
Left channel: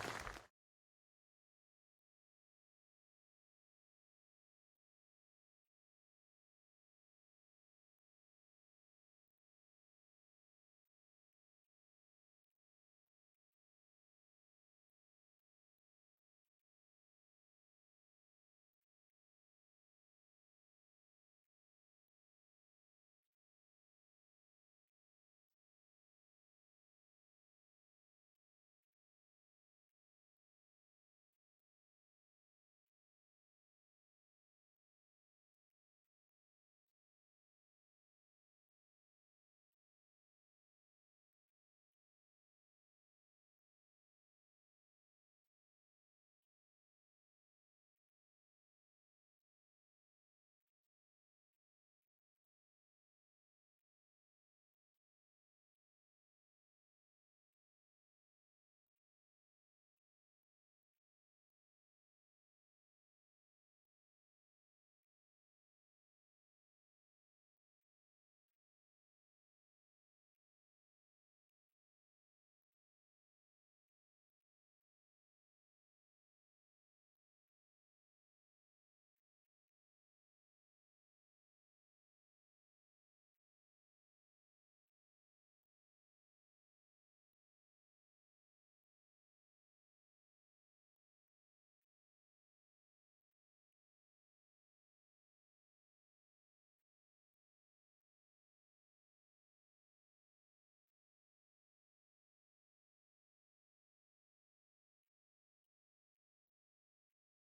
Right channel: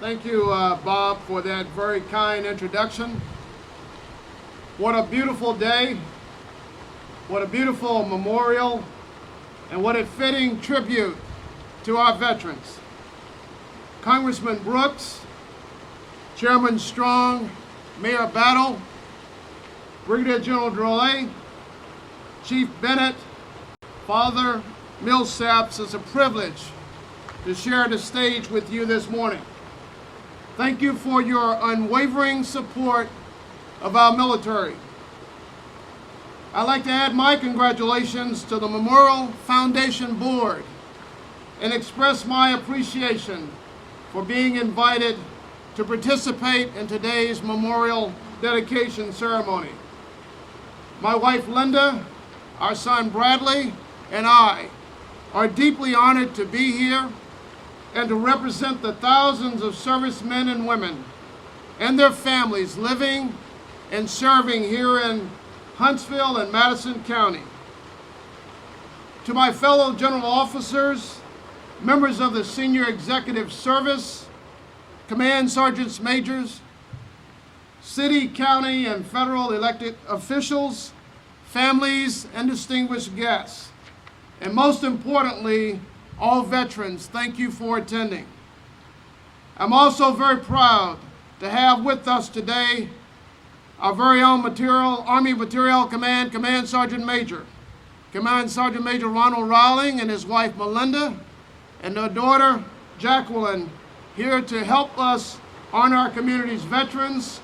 Thank you, Bob, for that very kind introduction. What a beautiful day, what a beautiful memorial, and what a fitting tribute to our veterans. Congressman Brooks, Chairman Strong, Mayor Battle, Brigadier General Drolet, Chief Bennett, Father Millsaps, it's a privilege to share the stage with you this morning. Thank you for your unwavering support of our military. I'd like to add my congratulations to the Memorial Foundation Board and express my appreciation for being invited to participate in today's memorial dedication ceremony. My wife Linda, our son Bradley, and I are deeply honored to be here and to represent the thousands of servicemen and women and their families living and serving here in Huntsville and Madison County. To my fellow general officers, members of the Senior Executive Service, command sergeants majors, city, county, and federal elected officials, families, and distinguished guests, and most importantly, all veterans, thank you for attending. I'm also very proud to have with us today our very own Army Materiel Command Sergeant Major, Command Sergeant Major Ronald Rowling and his wife Melinda, and their daughter Jacqueline, here to help us honor our community's veterans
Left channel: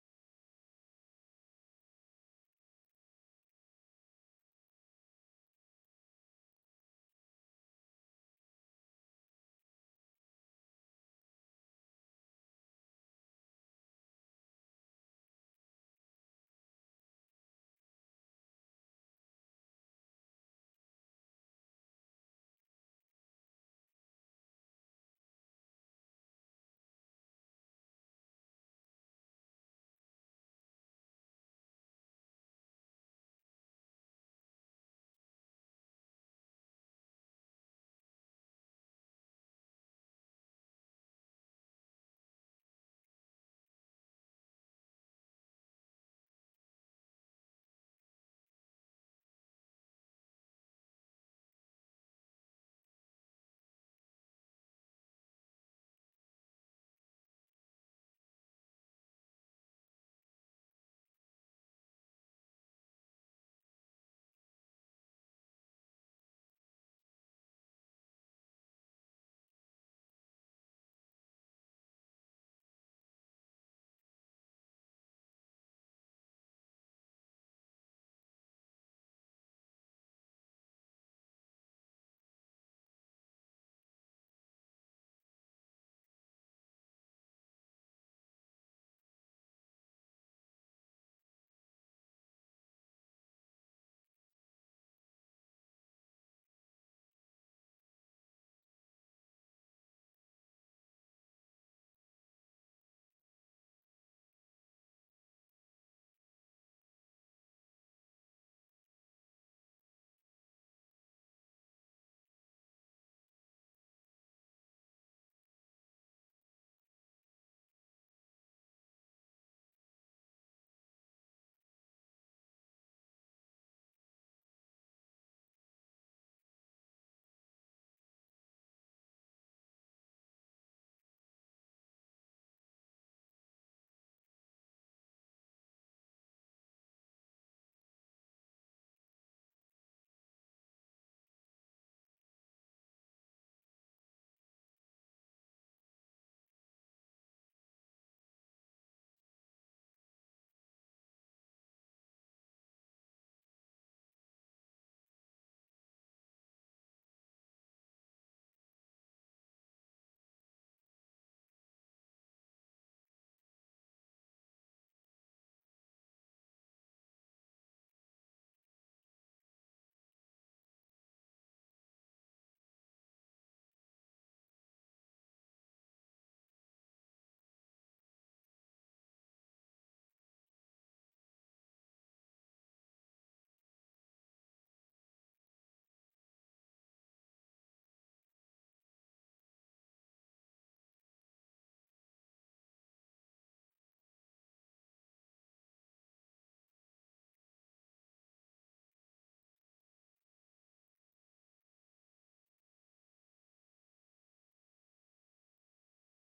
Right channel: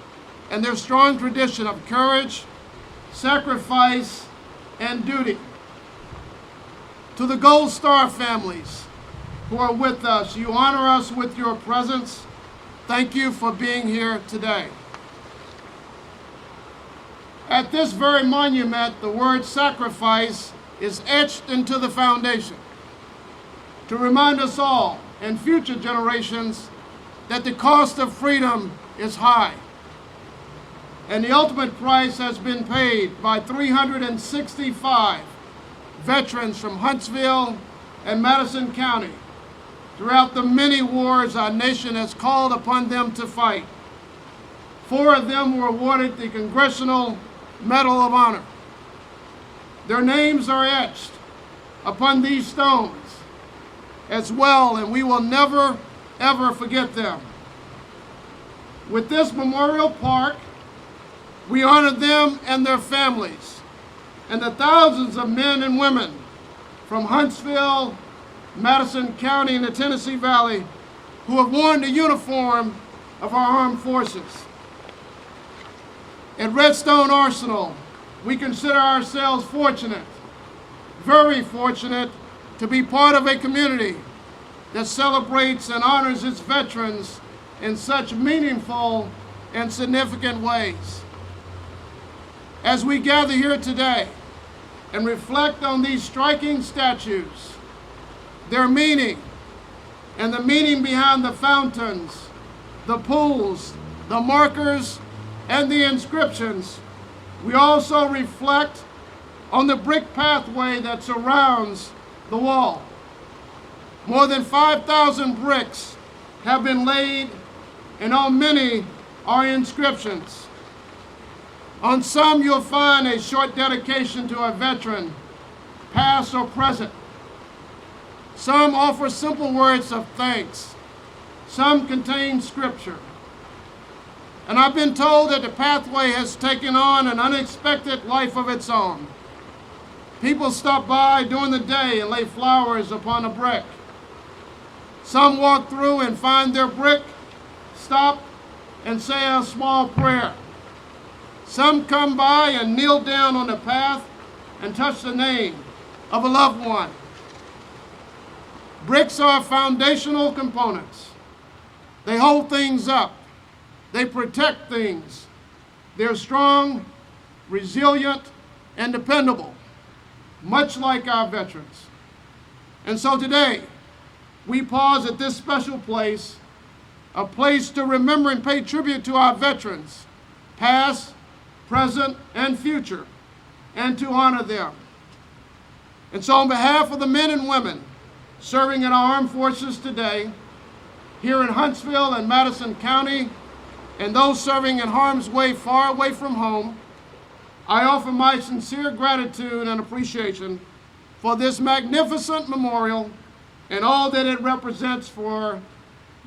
and their strong tradition of courage, sacrifice, and duty. To the Gold Star families who are with us, you honor us with your presence. Thank you for being here today. At this very monument, the word sacrifice is etched into the foundation to remind us all and future generations that the cost of freedom is high. And the ultimate price has been paid by 365 veterans from Huntsville and Madison County throughout the many wars our nation has called upon them to fight. 4 of them were awarded the Congressional Medal of Honor. Their names are etched upon these stones as well, and we will never, ever forget them. With this memorial park, we honor them and their families, and the thousands of men and women from Huntsville, Madison County, and the Tennessee Valley who have worn the uniform of our armed forces. At Redstone Arsenal, we consider ourselves fortunate, very fortunate, to be part of a community that celebrates and honors its veterans in such meaningful and significant ways. As we gather here today and reflect on these striking statues, their meaning, and the meaning behind the fountains, the pools, the markers, and the inscriptions, we also reflect on the brick pathway that surrounds the wall. More than 5,000 bricks have been laid, and on many are inscriptions. On some, you'll find a short dedication to a veteran, past or present. Some offer simple words of thanks. Some contain scripture. And I've been told that the pathway has taken on an unexpected life of its own. People stop by during the day and lay flowers upon a brick. Some walk through and find their brick, stop, and say a small prayer. Some come by and kneel down on the path and touch the name of a loved one. Bricks are foundational components. They hold things up. They protect things. They're strong, resilient, and dependable, much like our veterans. And so today, we pause at this special place, a place to remember and pay tribute to our veterans, past, present, and future, and to honor them. And so on behalf of the men and women serving in our armed forces today, here in Huntsville and Madison County, and those serving in harm's way far away from home, I offer my sincere gratitude and appreciation for this magnificent memorial and all that it represents for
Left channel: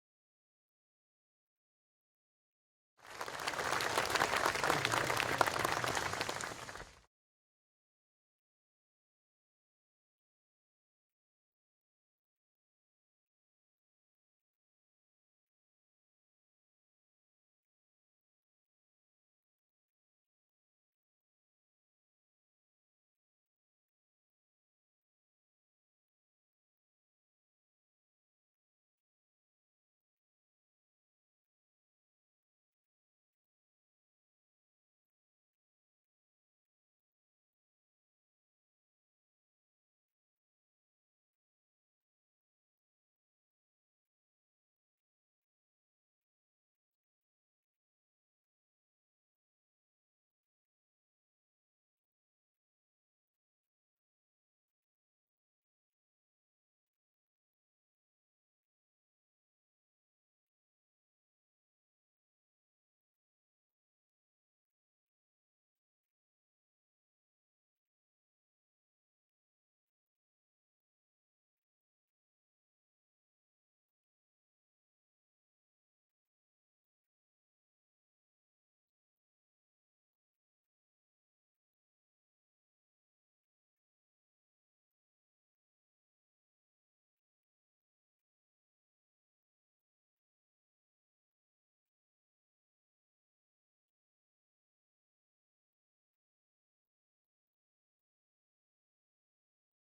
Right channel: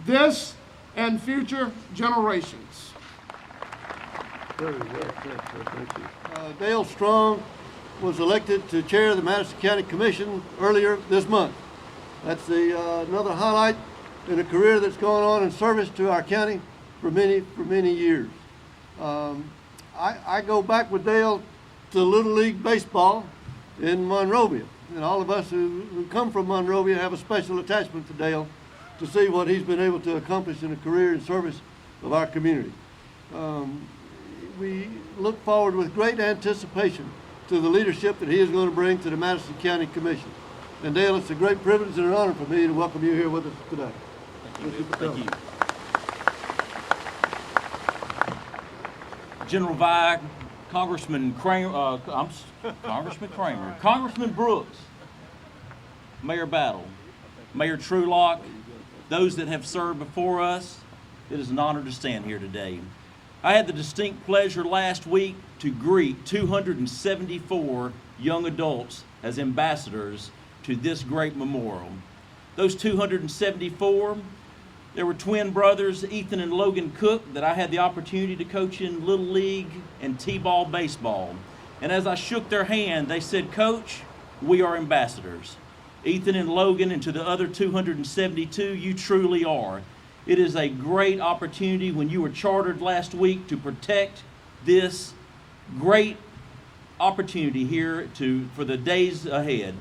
this and future generations. Dale Strong was elected to chair the Madison County Commission earlier this month. That's another highlight in a career that's gone on in service to our county for many years. I go back with Dale to Little League Baseball in Monrovia, and all of us who come from Monrovia have a special attachment to Dale to see what he's been able to accomplish in a career in service of our community. We look forward with great anticipation to the leadership that he is going to bring to the Madison County Commission. And Dale, it's a great privilege and an honor for me to welcome you here with us today. Thank you. General Vi, Congressman Kramer, Congressman Brooks, Mayor Battle, Mayor Trulock, those that have served before us, it is an honor to stand here today. I had the distinct pleasure last week to greet 274 young adults as ambassadors to this great memorial. Those 274, there were twin brothers, Ethan and Logan Cook, that I had the opportunity to coach in Little League and T-ball baseball. And as I shook their hand, they said, "Coach, we are ambassadors." Ethan and Logan, and to the other 272, you truly are. It is a great opportunity when you were chartered last week to protect this great opportunity here for the days ahead.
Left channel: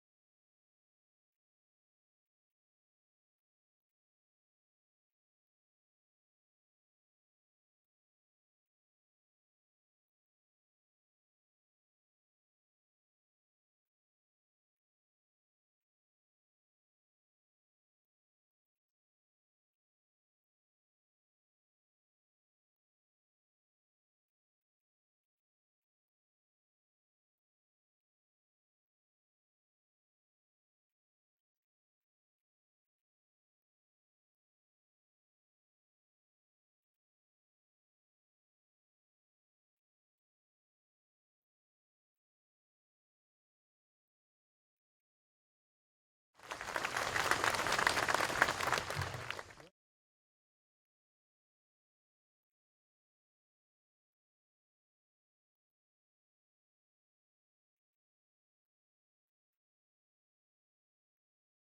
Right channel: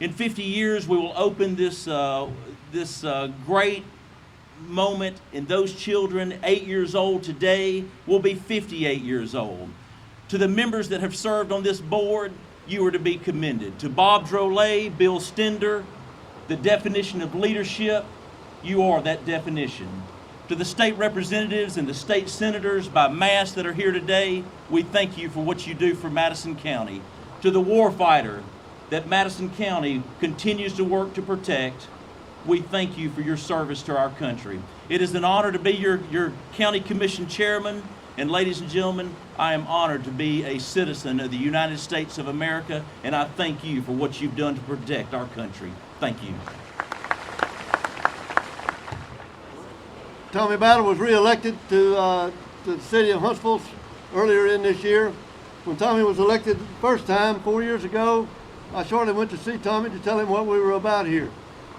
In 50 years, we will open this great moment, and those children 8 years old today will be 58 years old. To the members that have served on this board, you are to be commended. To Bob Drolet, Bill Stender, the definition of leadership, you are that definition. To the state representatives and the state senators by mass that are here today, we thank you for what you do for Madison County. To the warfighter that Madison County continues to work to protect, we thank you for your service to our country. It is an honor to be your county commission chairman, and ladies and gentlemen, I am honored to be a citizen of the United States of America, and I thank you for what you've done to protect our country. Thank you. Tommy Battle was re-elected to the city of Huntsville earlier in this year. When Tommy was elected the first time 4 years ago, I shortly went to see Tommy to tell him what we were about here.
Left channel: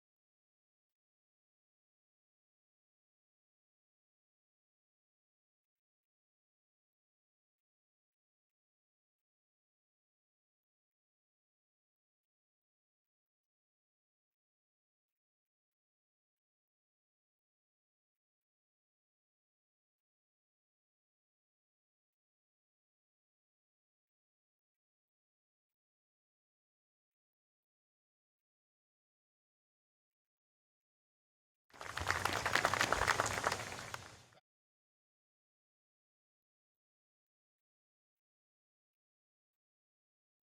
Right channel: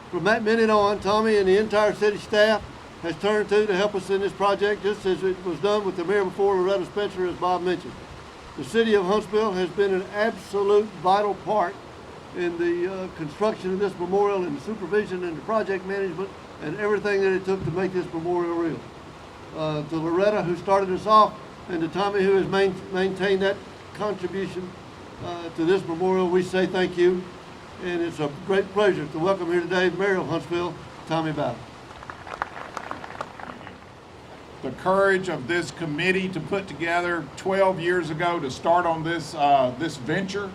From that minute on, Tommy and the entire city staff has turned to help us in this project, just as it was done with the mayor before, Loretta Spencer, as Bob mentioned. The city of Huntsville has been an absolute vital part in the construction of this memorial and the supervision and the project management and everything that it took to make this memorial real. To Loretta, who started us off, and to Tommy, who has maintained that contribution to this memorial, we say thank you. And it's a great pleasure to welcome here today the Mayor of Huntsville, Tommy Battle. The courage of this committee to put together 12 years ago to start on this venture,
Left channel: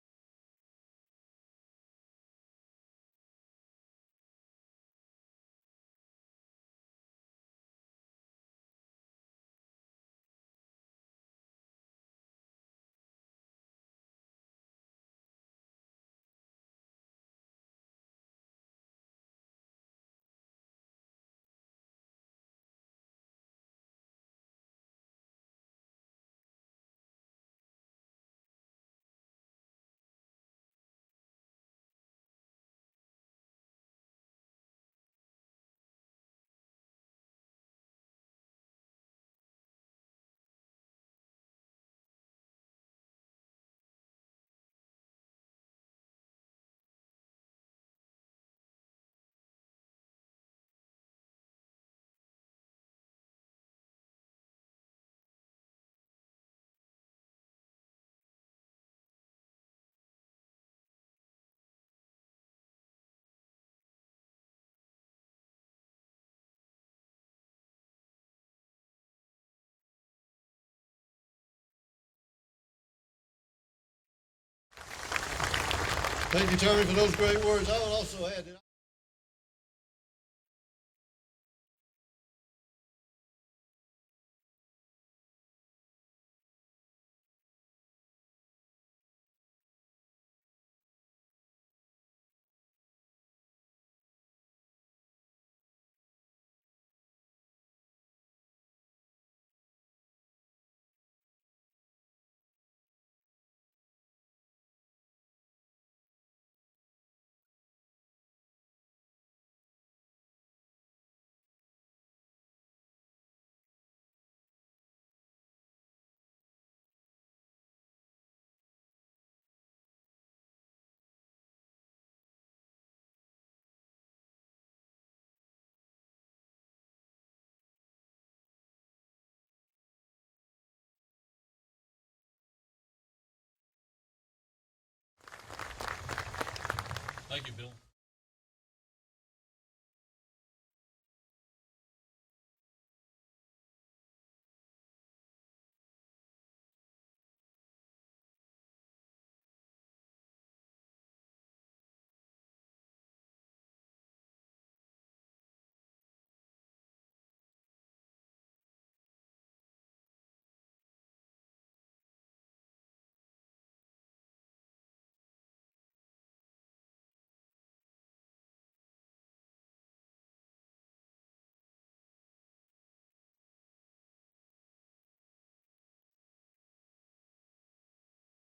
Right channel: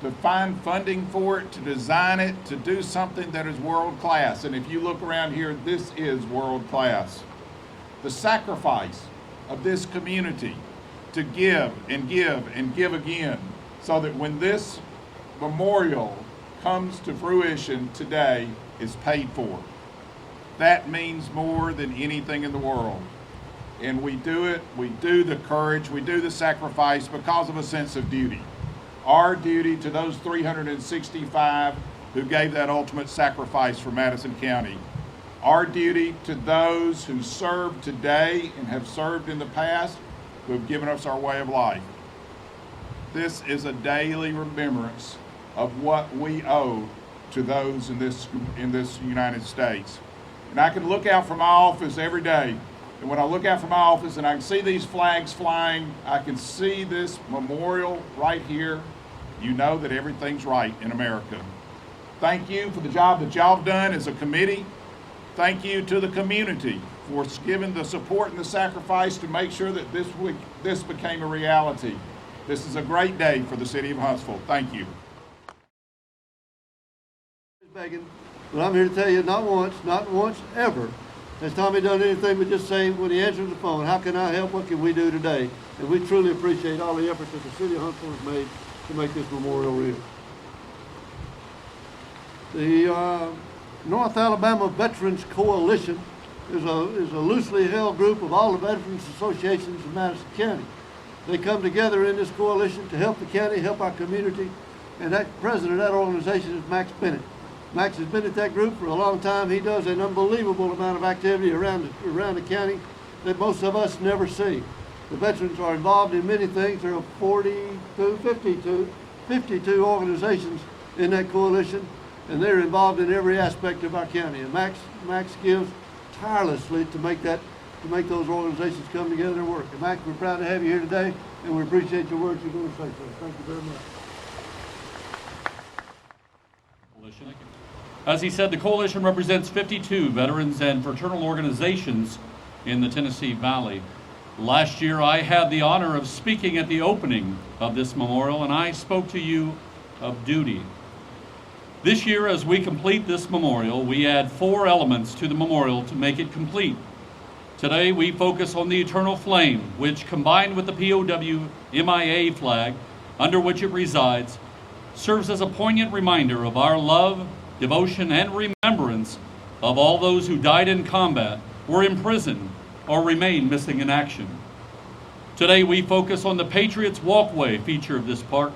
to find funding for it, to design it, to do something that is world class. And if you look around here, this is world class. The sacrifice of this community to give and give and give again, so that when this memorial comes to fruition today, is paid for. That means more than anything in the world. And we do it, we do the courage, we do the sacrifice because of a sense of duty. Our duty to those 365 who gave that ultimate sacrifice for Madison County. Our duty to those who serve today and have served in the past, who have given us our way of life. This is a daily remembrance of what we owe to those in this United States. And I can look out from my office every day And when I look out from my office and I can see these flags flying, I can see this memorial right here, you know that everything's right in America. Thank you for the job that y'all have done as a committee. Thank you to the community for giving the support and the sacrifice to make sure that this became a reality. This is a great day for the city of Huntsville. Thank you. Thank you, Tommy, for those great words. I would also add, but I'm here to tell you, not once ever, has Tommy done anything but just say when he answers the phone, how can I help, what can we do today? And we truly appreciate all the efforts that the city of Huntsville has made to make this memorial real. The North Alabama Veterans Coalition is a loosely held group of all the veterans associations in Madison County. They come together in this coalition to help the county, help our community, and that president of that organization is Max Bennett. Max has been at that group for a long time. He does an unbelievable amount of activity around the county that most of us never see. The veterans are involved in many things. There are 52 organizations in that coalition, and they're involved in every aspect of our county. And Max gives tirelessly to make those organizations come together and work. And Max, we're proud to have you here today, and we appreciate your words you're going to say to us. Thank you very much. As he said, the coalition represents 52 veterans and fraternal organizations in the Tennessee Valley. Last year, I had the honor of speaking at the opening of this memorial, and I spoke to you of duty. This year, as we complete this memorial, we add 4 elements to the memorial to make it complete. Today, we focus on the eternal flame, which, combined with the POW MIA flag, under which it resides, serves as a poignant reminder of our love, devotion, and remembrance of all those who died in combat, were imprisoned, or remain missing in action. Today, we focus on the Patriots Walkway feature of this park,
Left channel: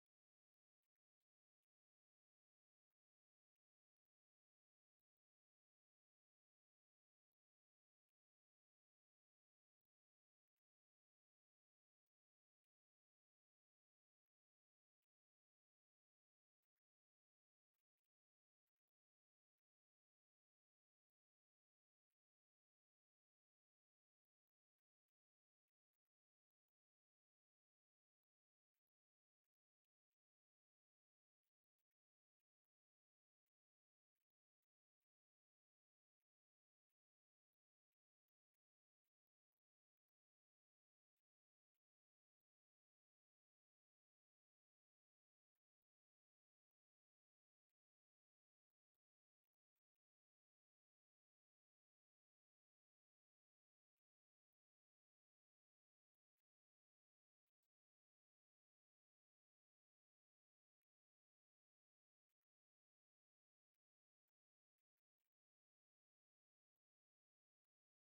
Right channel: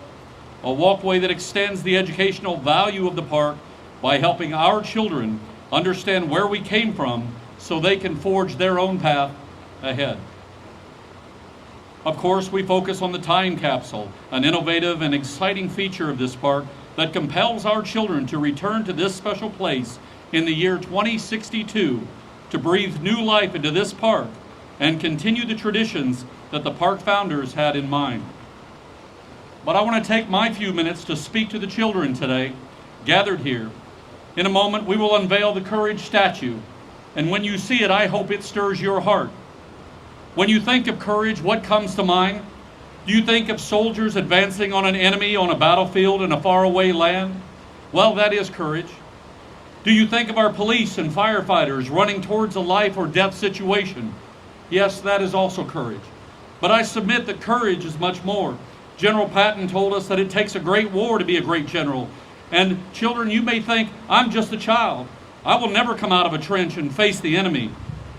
a walkway that extends the educational value of the park by helping our children understand where we came from so they can forge their own path ahead. Of course, we focus on the time capsule, an innovative and exciting feature of this park that compels our children to return to this special place in the year 2062 to breathe new life into this park and continue the traditions that the park founders had in mind. But I want to take my few minutes to speak to the children today, gathered here. In a moment, we will unveil the Courage statue, and when you see it, I hope it stirs your heart. When you think of courage, what comes to mind? Do you think of soldiers advancing on an enemy on a battlefield in a faraway land? Well, that is courage. Do you think of our police and firefighters running towards a life or death situation? Yes, that is also courage. But I submit that courage is much more. General Patton told us that it takes a great war to be a great general. And children, you may think, I'm just a child. I will never come out of a trench and face the enemy.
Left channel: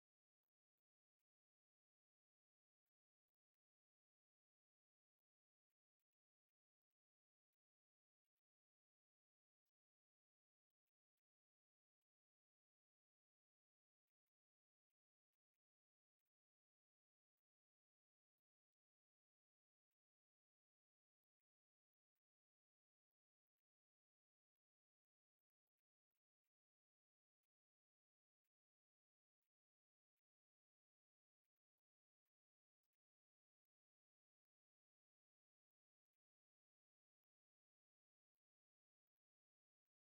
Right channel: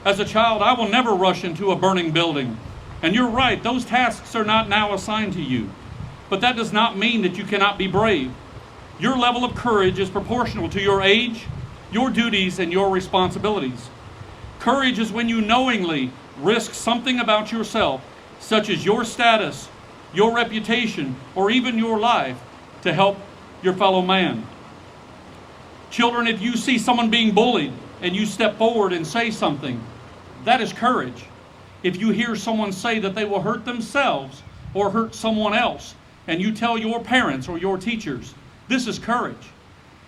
As a child, I will never rush into a burning building. And you're right, those tasks are not now assigned to you. But that does not mean that you cannot be brave. Your level of courage is proportional to your age, your duties, and your responsibilities. Courage is when you knowingly risk something about yourself, such as your status, your reputation, or even your life, to help your fellow man. Children, if you see someone being bullied and you step forward and say something, that is courage. If you hear someone say that they will hurt themselves or hurt someone else, and you tell your parents or your teachers, this is courage.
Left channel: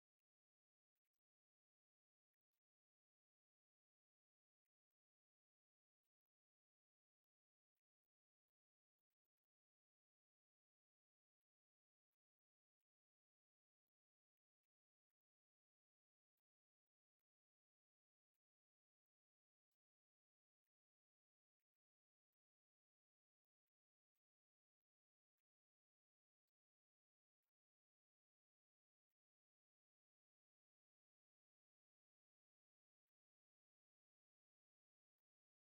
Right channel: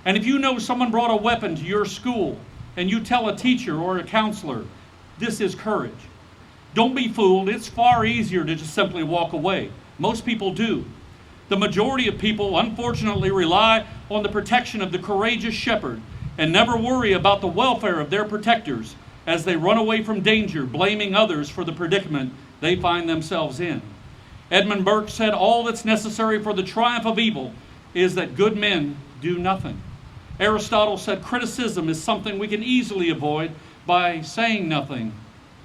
And if you know someone brought a weapon to your school, and you tell a teacher or a counselor, this is courage. Don't be fooled. It's far easier to just simply walk away. Most people do. The majority of people, unfortunately, rely on the protection of the courageous shepherd and never worry about the welfare of their protectors as they run away from danger, blaming others for the predicament they find themselves in. Edmund Burke said, all that's necessary for the triumph of evil is that good men do nothing. Aristotle said, criticism is something we can easily avoid by saying nothing,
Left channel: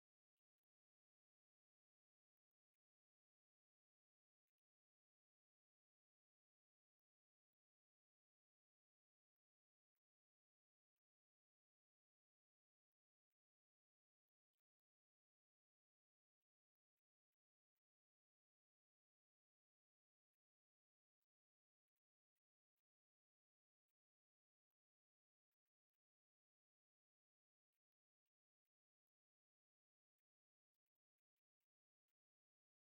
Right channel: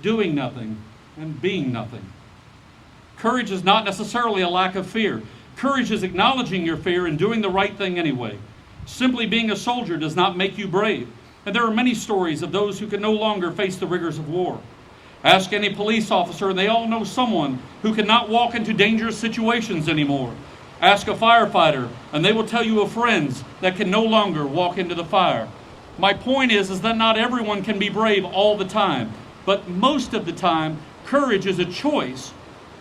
doing nothing, and being nothing. Courage is not necessarily a lack of fear. Courage is acknowledging your fear and doing the right thing anyway. Simply being a soldier does not make you brave. And there are many stories of those who can no longer face the rigors of war. Ask any police officer, and they all know someone who cannot walk into dangerous situations anymore. Ask a firefighter, and they will tell you of friends that can no longer walk into the fire. My point is that not everyone can be brave all the time, but most of the time, courage is a choice.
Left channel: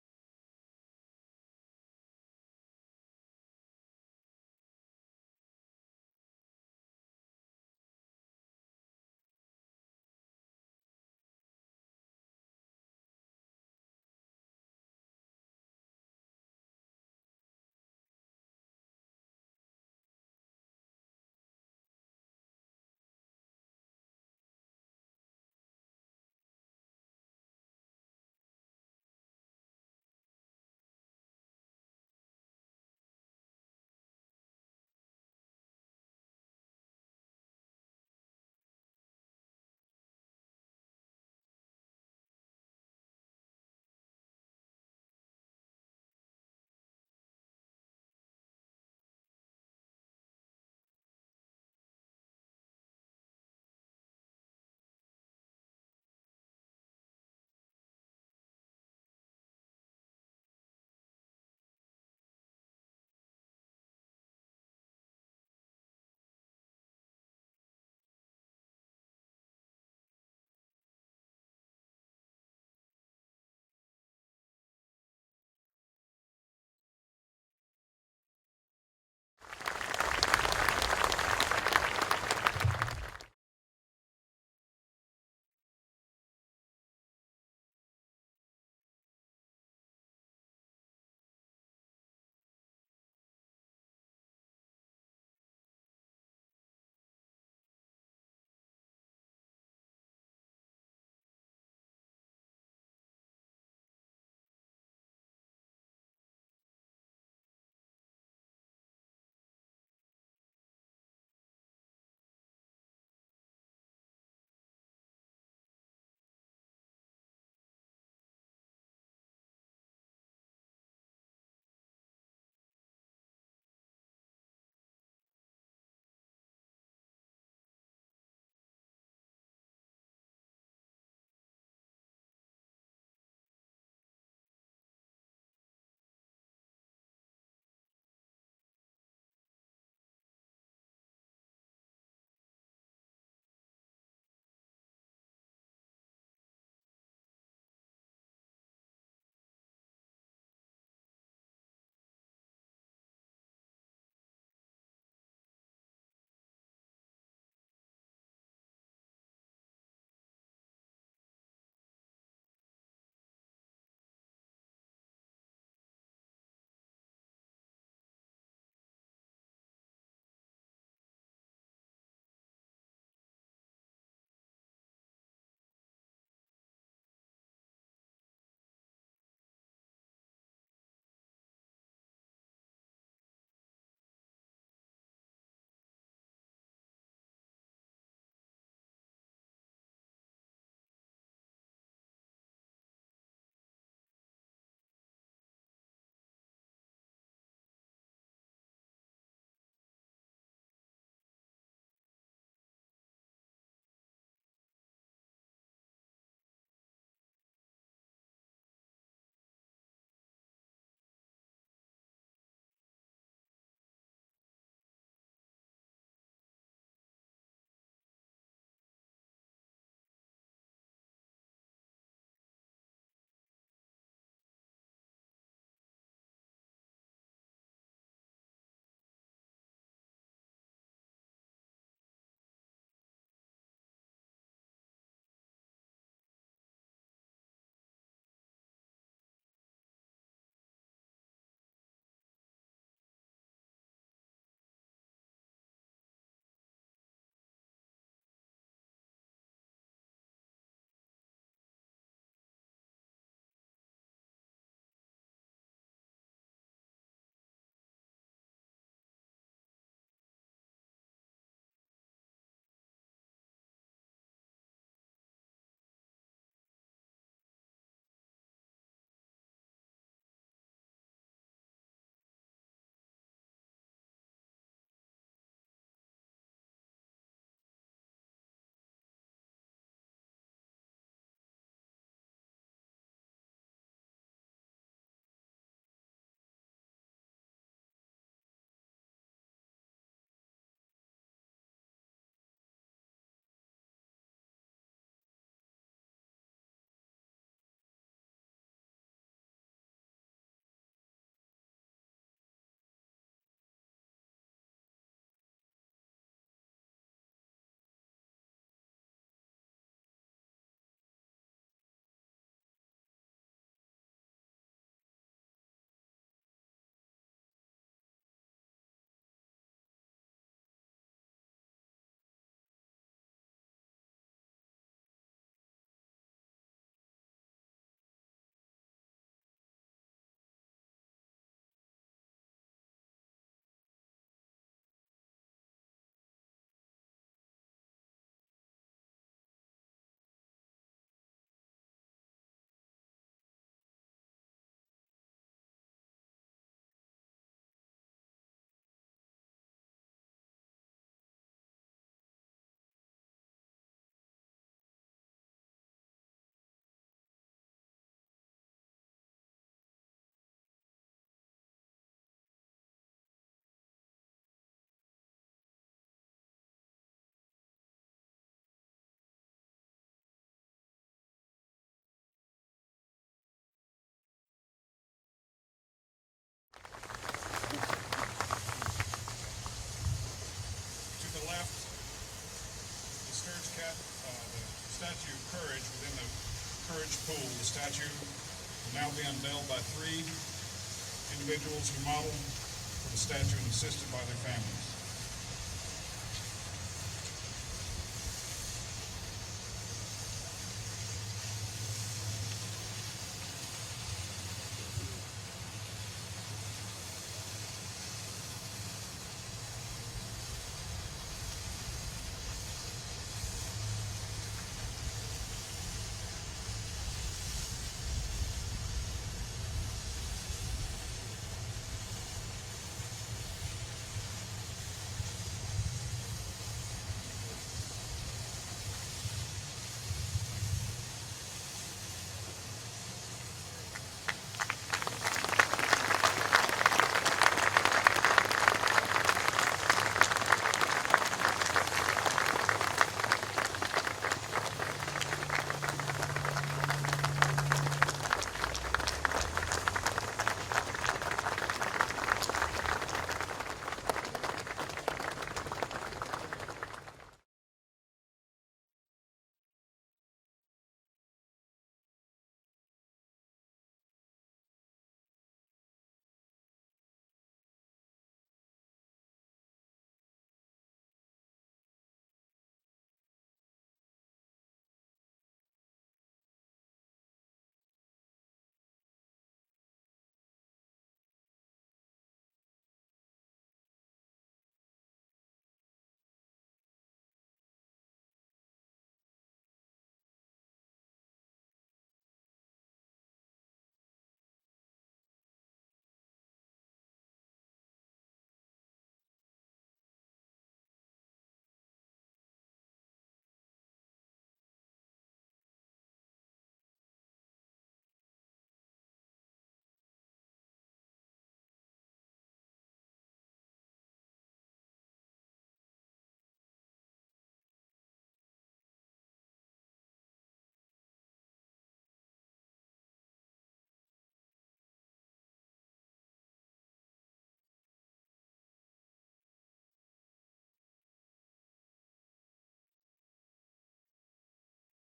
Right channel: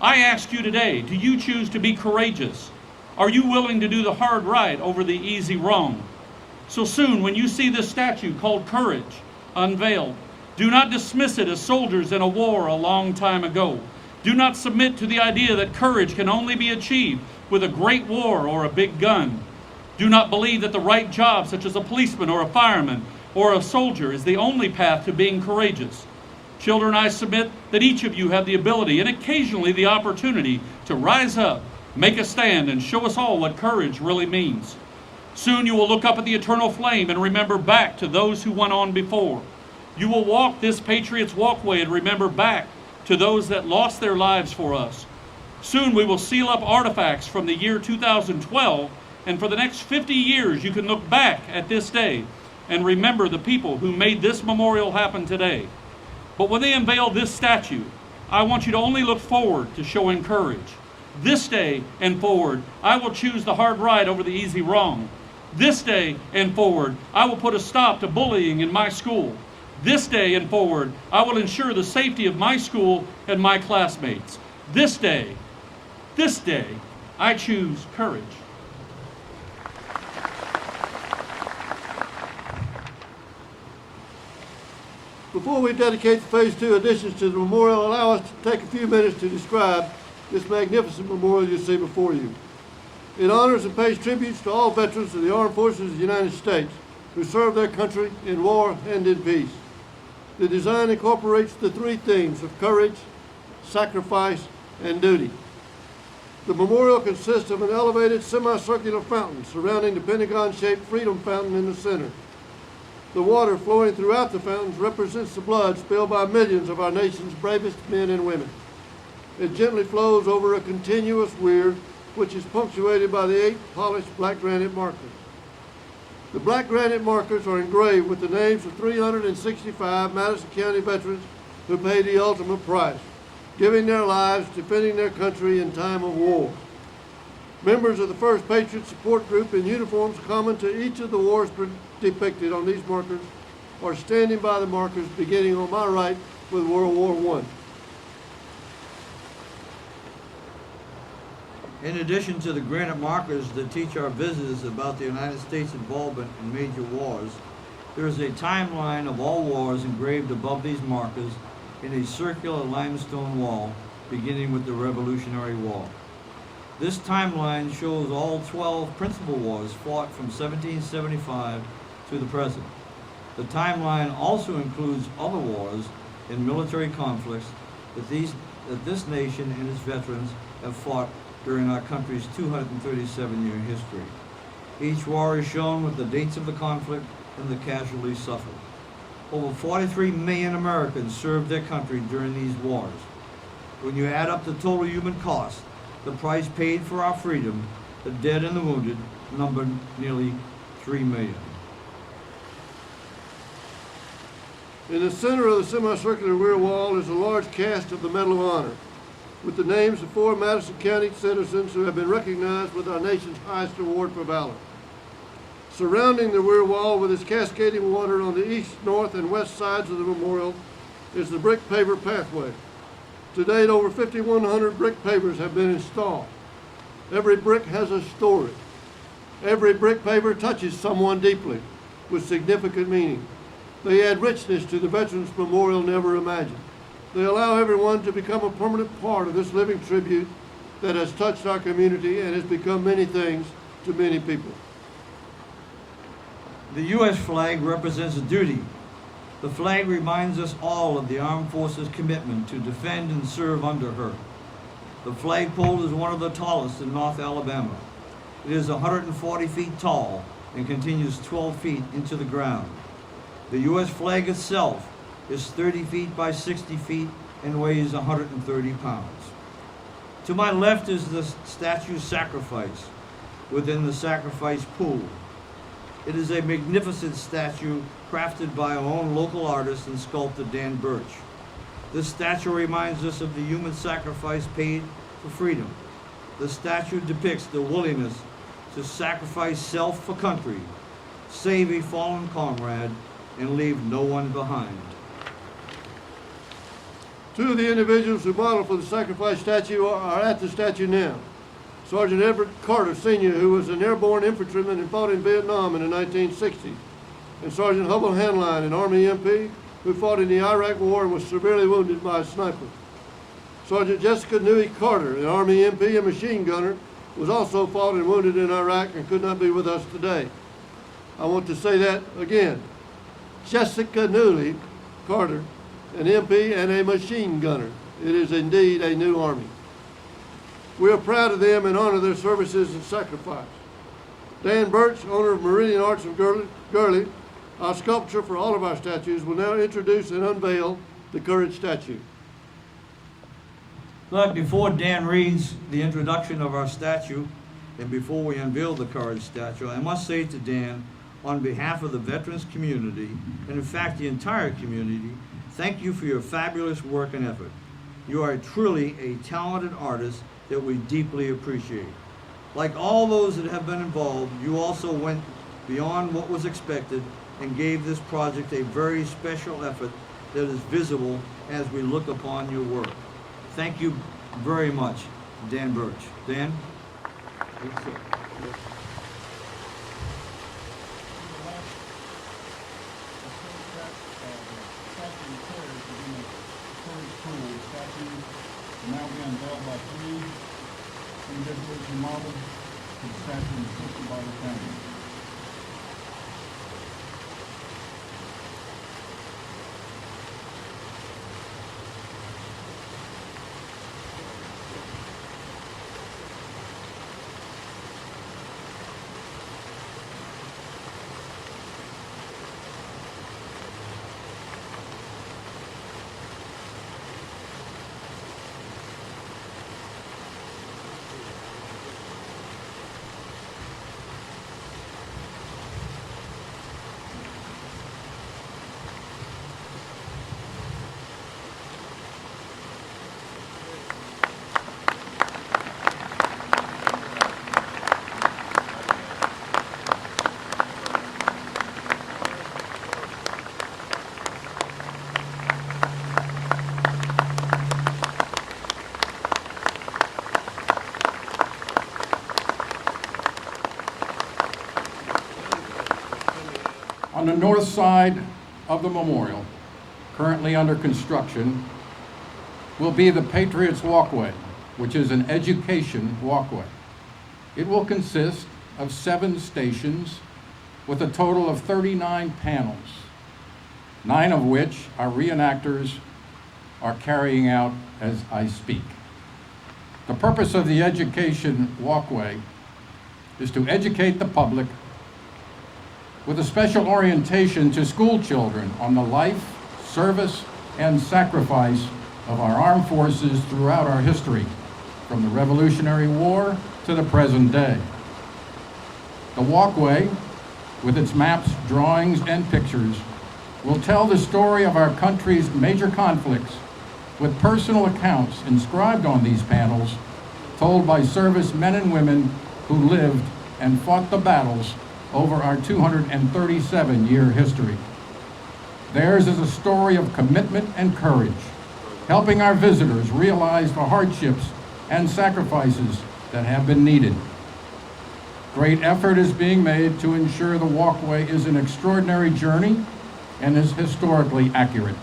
I ask you today, do you choose to be courageous? Are you willing to do the hard right over the easy wrong? So soon, when you see this statue called Courage, unveiled, do not dismiss it as soldiers in a war a long time ago. Do not submit to the idea that courage can only be achieved with a great war or a big gun. Do not believe that the right job, such as a policeman or a fireman or a soldier, is the only path to being courageous. Children, I submit that each of you have the ability and occasionally the opportunity to rise up, make a stand, and show us all what courage really means. Soon you will look up at the eternal flame and remember back to those who went on before. You will walk this Patriots Walkway and remember back to those that lost their lives for us. Soon we will seal up artifacts from the year 2012, and for the next 50 years you can look back at this day and remember the people who made this memorial happen today. But when they unveil this statue, I want you to only look forward to showing courage. This day and forward, I will choose the hard right over the easy wrong. This day and forward, I will put a stop to bullying in my school. This day and forward, I will ensure the safety of my school and my classmates. This day, I choose courage. Before we dedicate the Phase 2 additions to the memorial, allow us to take a few minutes to describe this magnificent memorial you see before you. It honors and pays tributes to all veterans of the Armed Forces of the United States who served their country in war and in peace. The design incorporates the three themes of courage, sacrifice, and duty. The memorial consists of an elevated semicircular fountain surrounding the pentagon-shaped Freedom Fountain in the center. The water flowing throughout the fountains represents the blood spilled by millions of our nation's bravest men and women. It gently flows over a continuous weir, which is punctuated by the 8 polished black granite markers. The black granite markers are engraved with the names of 365 Madison County veterans who paid the ultimate price, giving their lives defending their country in time of war. Members of the 1st Patriot Support Group in uniforms common to each of the wars depicted on these markers are standing by the markers beginning on my right with World War I. In addition to the granite markers that teach our visitors about the United States' involvement in major wars, there is a timeline of all wars engraved above these markers in a circular limestone wall beginning with the Revolutionary War. This timeline shows all 12 principal wars fought from 1775 to the present. The timeline also includes other wars and military conflicts that this nation and its veterans have fought during our country's 237-year history. Each war is shown with the dates of the conflict and the casualties suffered. Over 43 million Americans served their country during these wars. When you add up the total human cost, the price paid for our freedom, the dead and the wounded, numbered nearly 3 million. In the center of the semicircular rear wall is a large cast of the Medal of Honor, with the names of 4 Madison County citizens who have been recognized with our nation's highest award for valor. Surrounding the rear wall with its cascading water on the east, north, and west sides of the memorial is the brick paver pathway. To date, over 5,100 brick pavers have been installed. Every brick has a story. Every brick paver touches someone deeply with significant meaning. They add richness to the Veterans Memorial never imagined. They allow everyone to become a permanent part of this living tribute that has touched our community and has become many things to many people. The U.S. flag represents a duty. The flag reminds us all of the Armed Forces' commitment to defend and serve under her. The flagpole is one of the tallest in North Alabama. It is 140 feet tall and continues 12 feet into the ground. The U.S. flag itself is 30 feet by 60 feet and weighs 130 pounds. To my left is the statue Sacrifice within the sacrifice pool. It is a magnificent statue crafted by our own local artist and sculptor Dan Burch. This statue reminds us of the human sacrifice paid for freedom. The statue depicts the willingness to sacrifice self for country, save a fallen comrade, and leave no one behind. Two of the individuals who modeled for the sacrifice statue are at the statue now. Sergeant Everett Carter, Sr., who was an airborne infantryman and fought in Vietnam in the 1960s, and Sergeant Hubble Hanline, an Army MP, who fought in the Iraq War and was severely wounded by a sniper. Sergeant Jessica Newey Carter, an Army MP and machine gunner, was also fought and wounded in Iraq and could not be with us today. I want to say that again. Jessica Newey Carter, an MP and a machine gunner. It is indeed a new Army. We are proud of them and honor their services and sacrifice. Dan Burch, owner of Meridian Arts of Gurley, our sculptor for all of our statues, will now introduce and unveil the Courage statue. But before Dan reads the introduction of our statue, and before we unveil the Courage statue, I must say to Dan, on behalf of the veterans community, and in fact the entire community, thank you for your fabulous work and effort. You are truly a talented artist that we deeply appreciate. Like all those that have been involved, you also went beyond what was expected and gave this project a very special effort that is visible as we look upon your work. Thank you very much, Dan Burch. Dan? To the left, the statue Courage is in the Courage pool. The statue will now be unveiled by 3 individuals who modeled for the statue and assisted by their families. On the north side of the memorial, currently under construction, will be the Patriots Walkway, which is an education walkway. It will consist of 7 stations with a total of 39 panels, 9 of which our reenactors are carrying out as I speak. The purpose of the education walkway is to educate the public with a special orientation to school children on the life, service, and sacrifice of our armed forces throughout our history, from the Revolutionary War to the present day. The walkway, with its maps, drawings, and pictures, will tell the story of our country's major conflicts with personal accounts inscribed on these panels, told by service men and women who lived and fought the battles over our 237-year history. Theirs is a story of commitment and courage, helping our visitors realize the hardships and sacrifices that have been needed. Great effort is being made to ensure the walkway is an extraordinary journey and is historically accurate.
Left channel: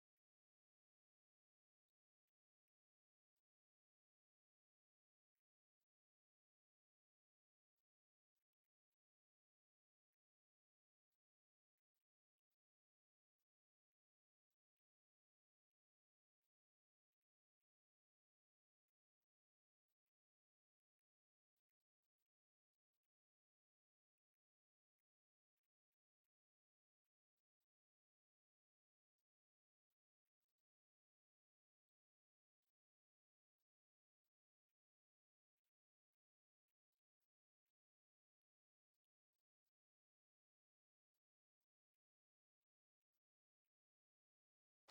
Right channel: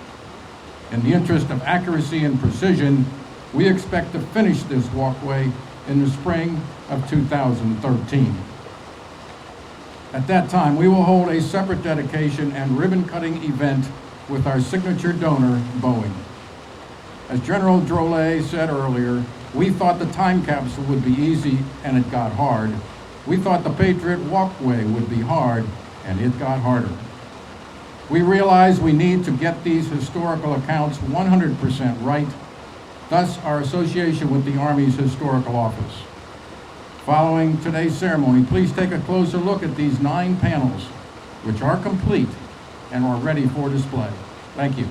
In the interest of accuracy and precision, we expect to finish this walkway in the spring of 2013. At that time, we will hold a separate dedication and ribbon-cutting event with our signature donor, Boeing. As General Drolet said earlier, we thought the time capsule would be easy, and it got hard. We thought the Patriot Walkway would be hard, and it got harder. We realize we need to get these historical accounts 100% right, thus our association with the Army's Historical Office. Following today's ceremony, please take a closer look at these 9 panels, which are complete and are ready for display. Thank you.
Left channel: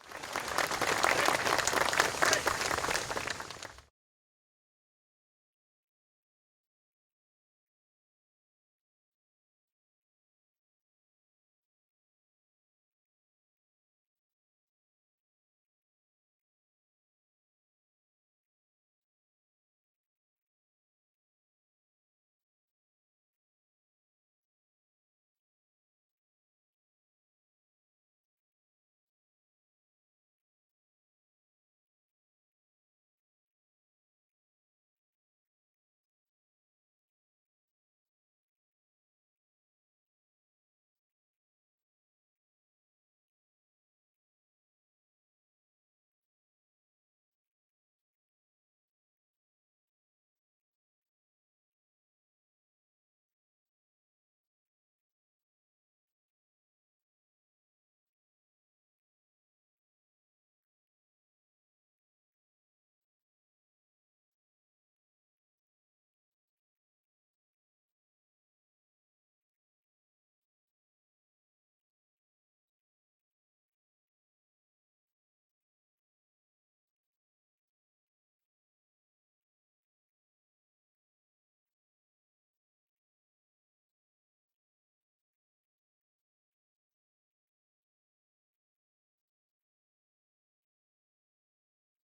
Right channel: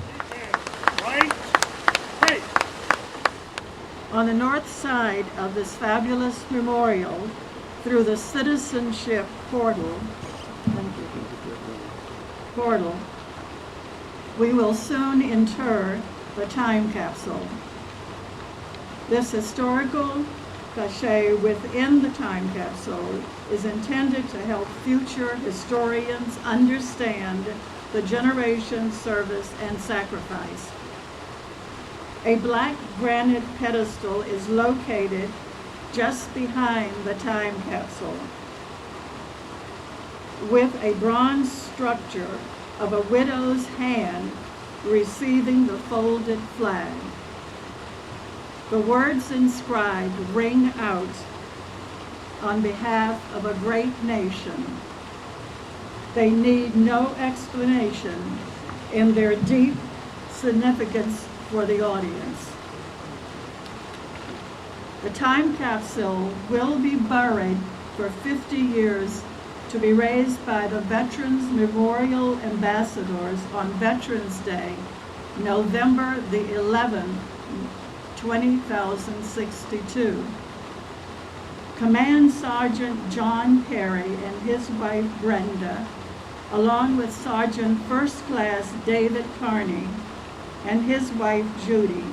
On the north side of this fabulous memorial, through the citizenship portal, we will soon inter the time capsule. This historical cachet within the time capsule is intended to help future historians understand the generation's service and sacrifice. A black granite pedestal is located just behind the time capsule, with a bronze structure of a widow's hand receiving the folded flag. The words inscribed ring out on behalf of a great nation. They need no explanation in their deep significance for the audience. The time capsule will be buried for 50 years to be raised by the Veterans Memorial Ambassadors on Veterans Day, November the 11th, 2062. Command Sergeant John Perry and his wife Brenda, along with Sergeant First Class David Carney and his wife Judy,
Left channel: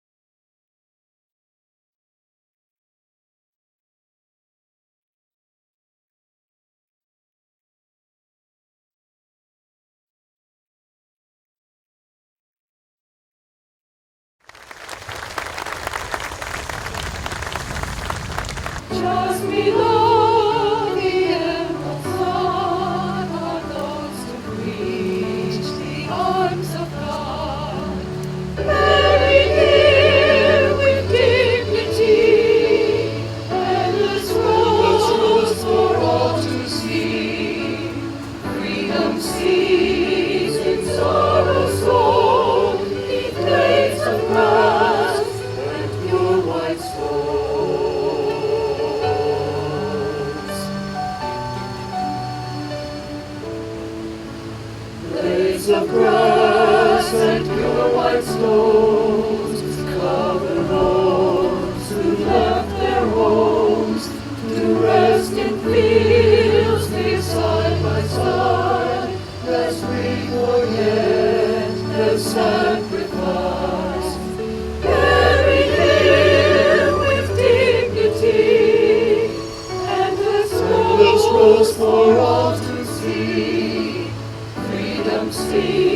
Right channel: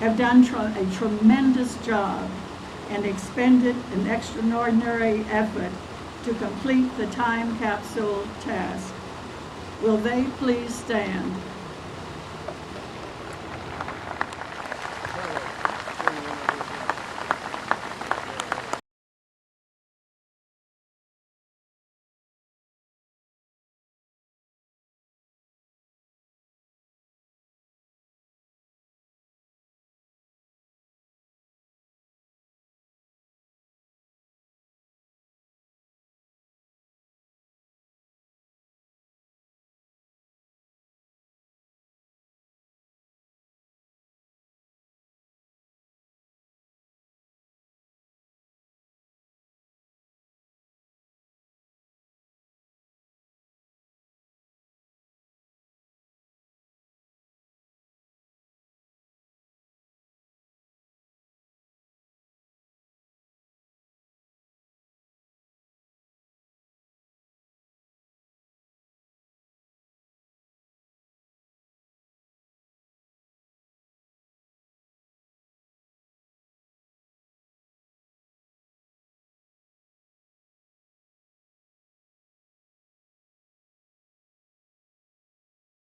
have done a tremendous job and expended an extraordinary effort to complete the time capsule task. Will they please stand? Just below the emerald sun are those to reach the arms of God. Buried here with dignity, endless rose for all to see. Freedom sees in sorrow sown, 'neath blades of grass and pure white stone. Of grass and pure white stones cover those who left their homes to rest in fields made side by side, lest we forget their sacrifice. Buried here with dignity, endless rose for all to see. Freedom, see.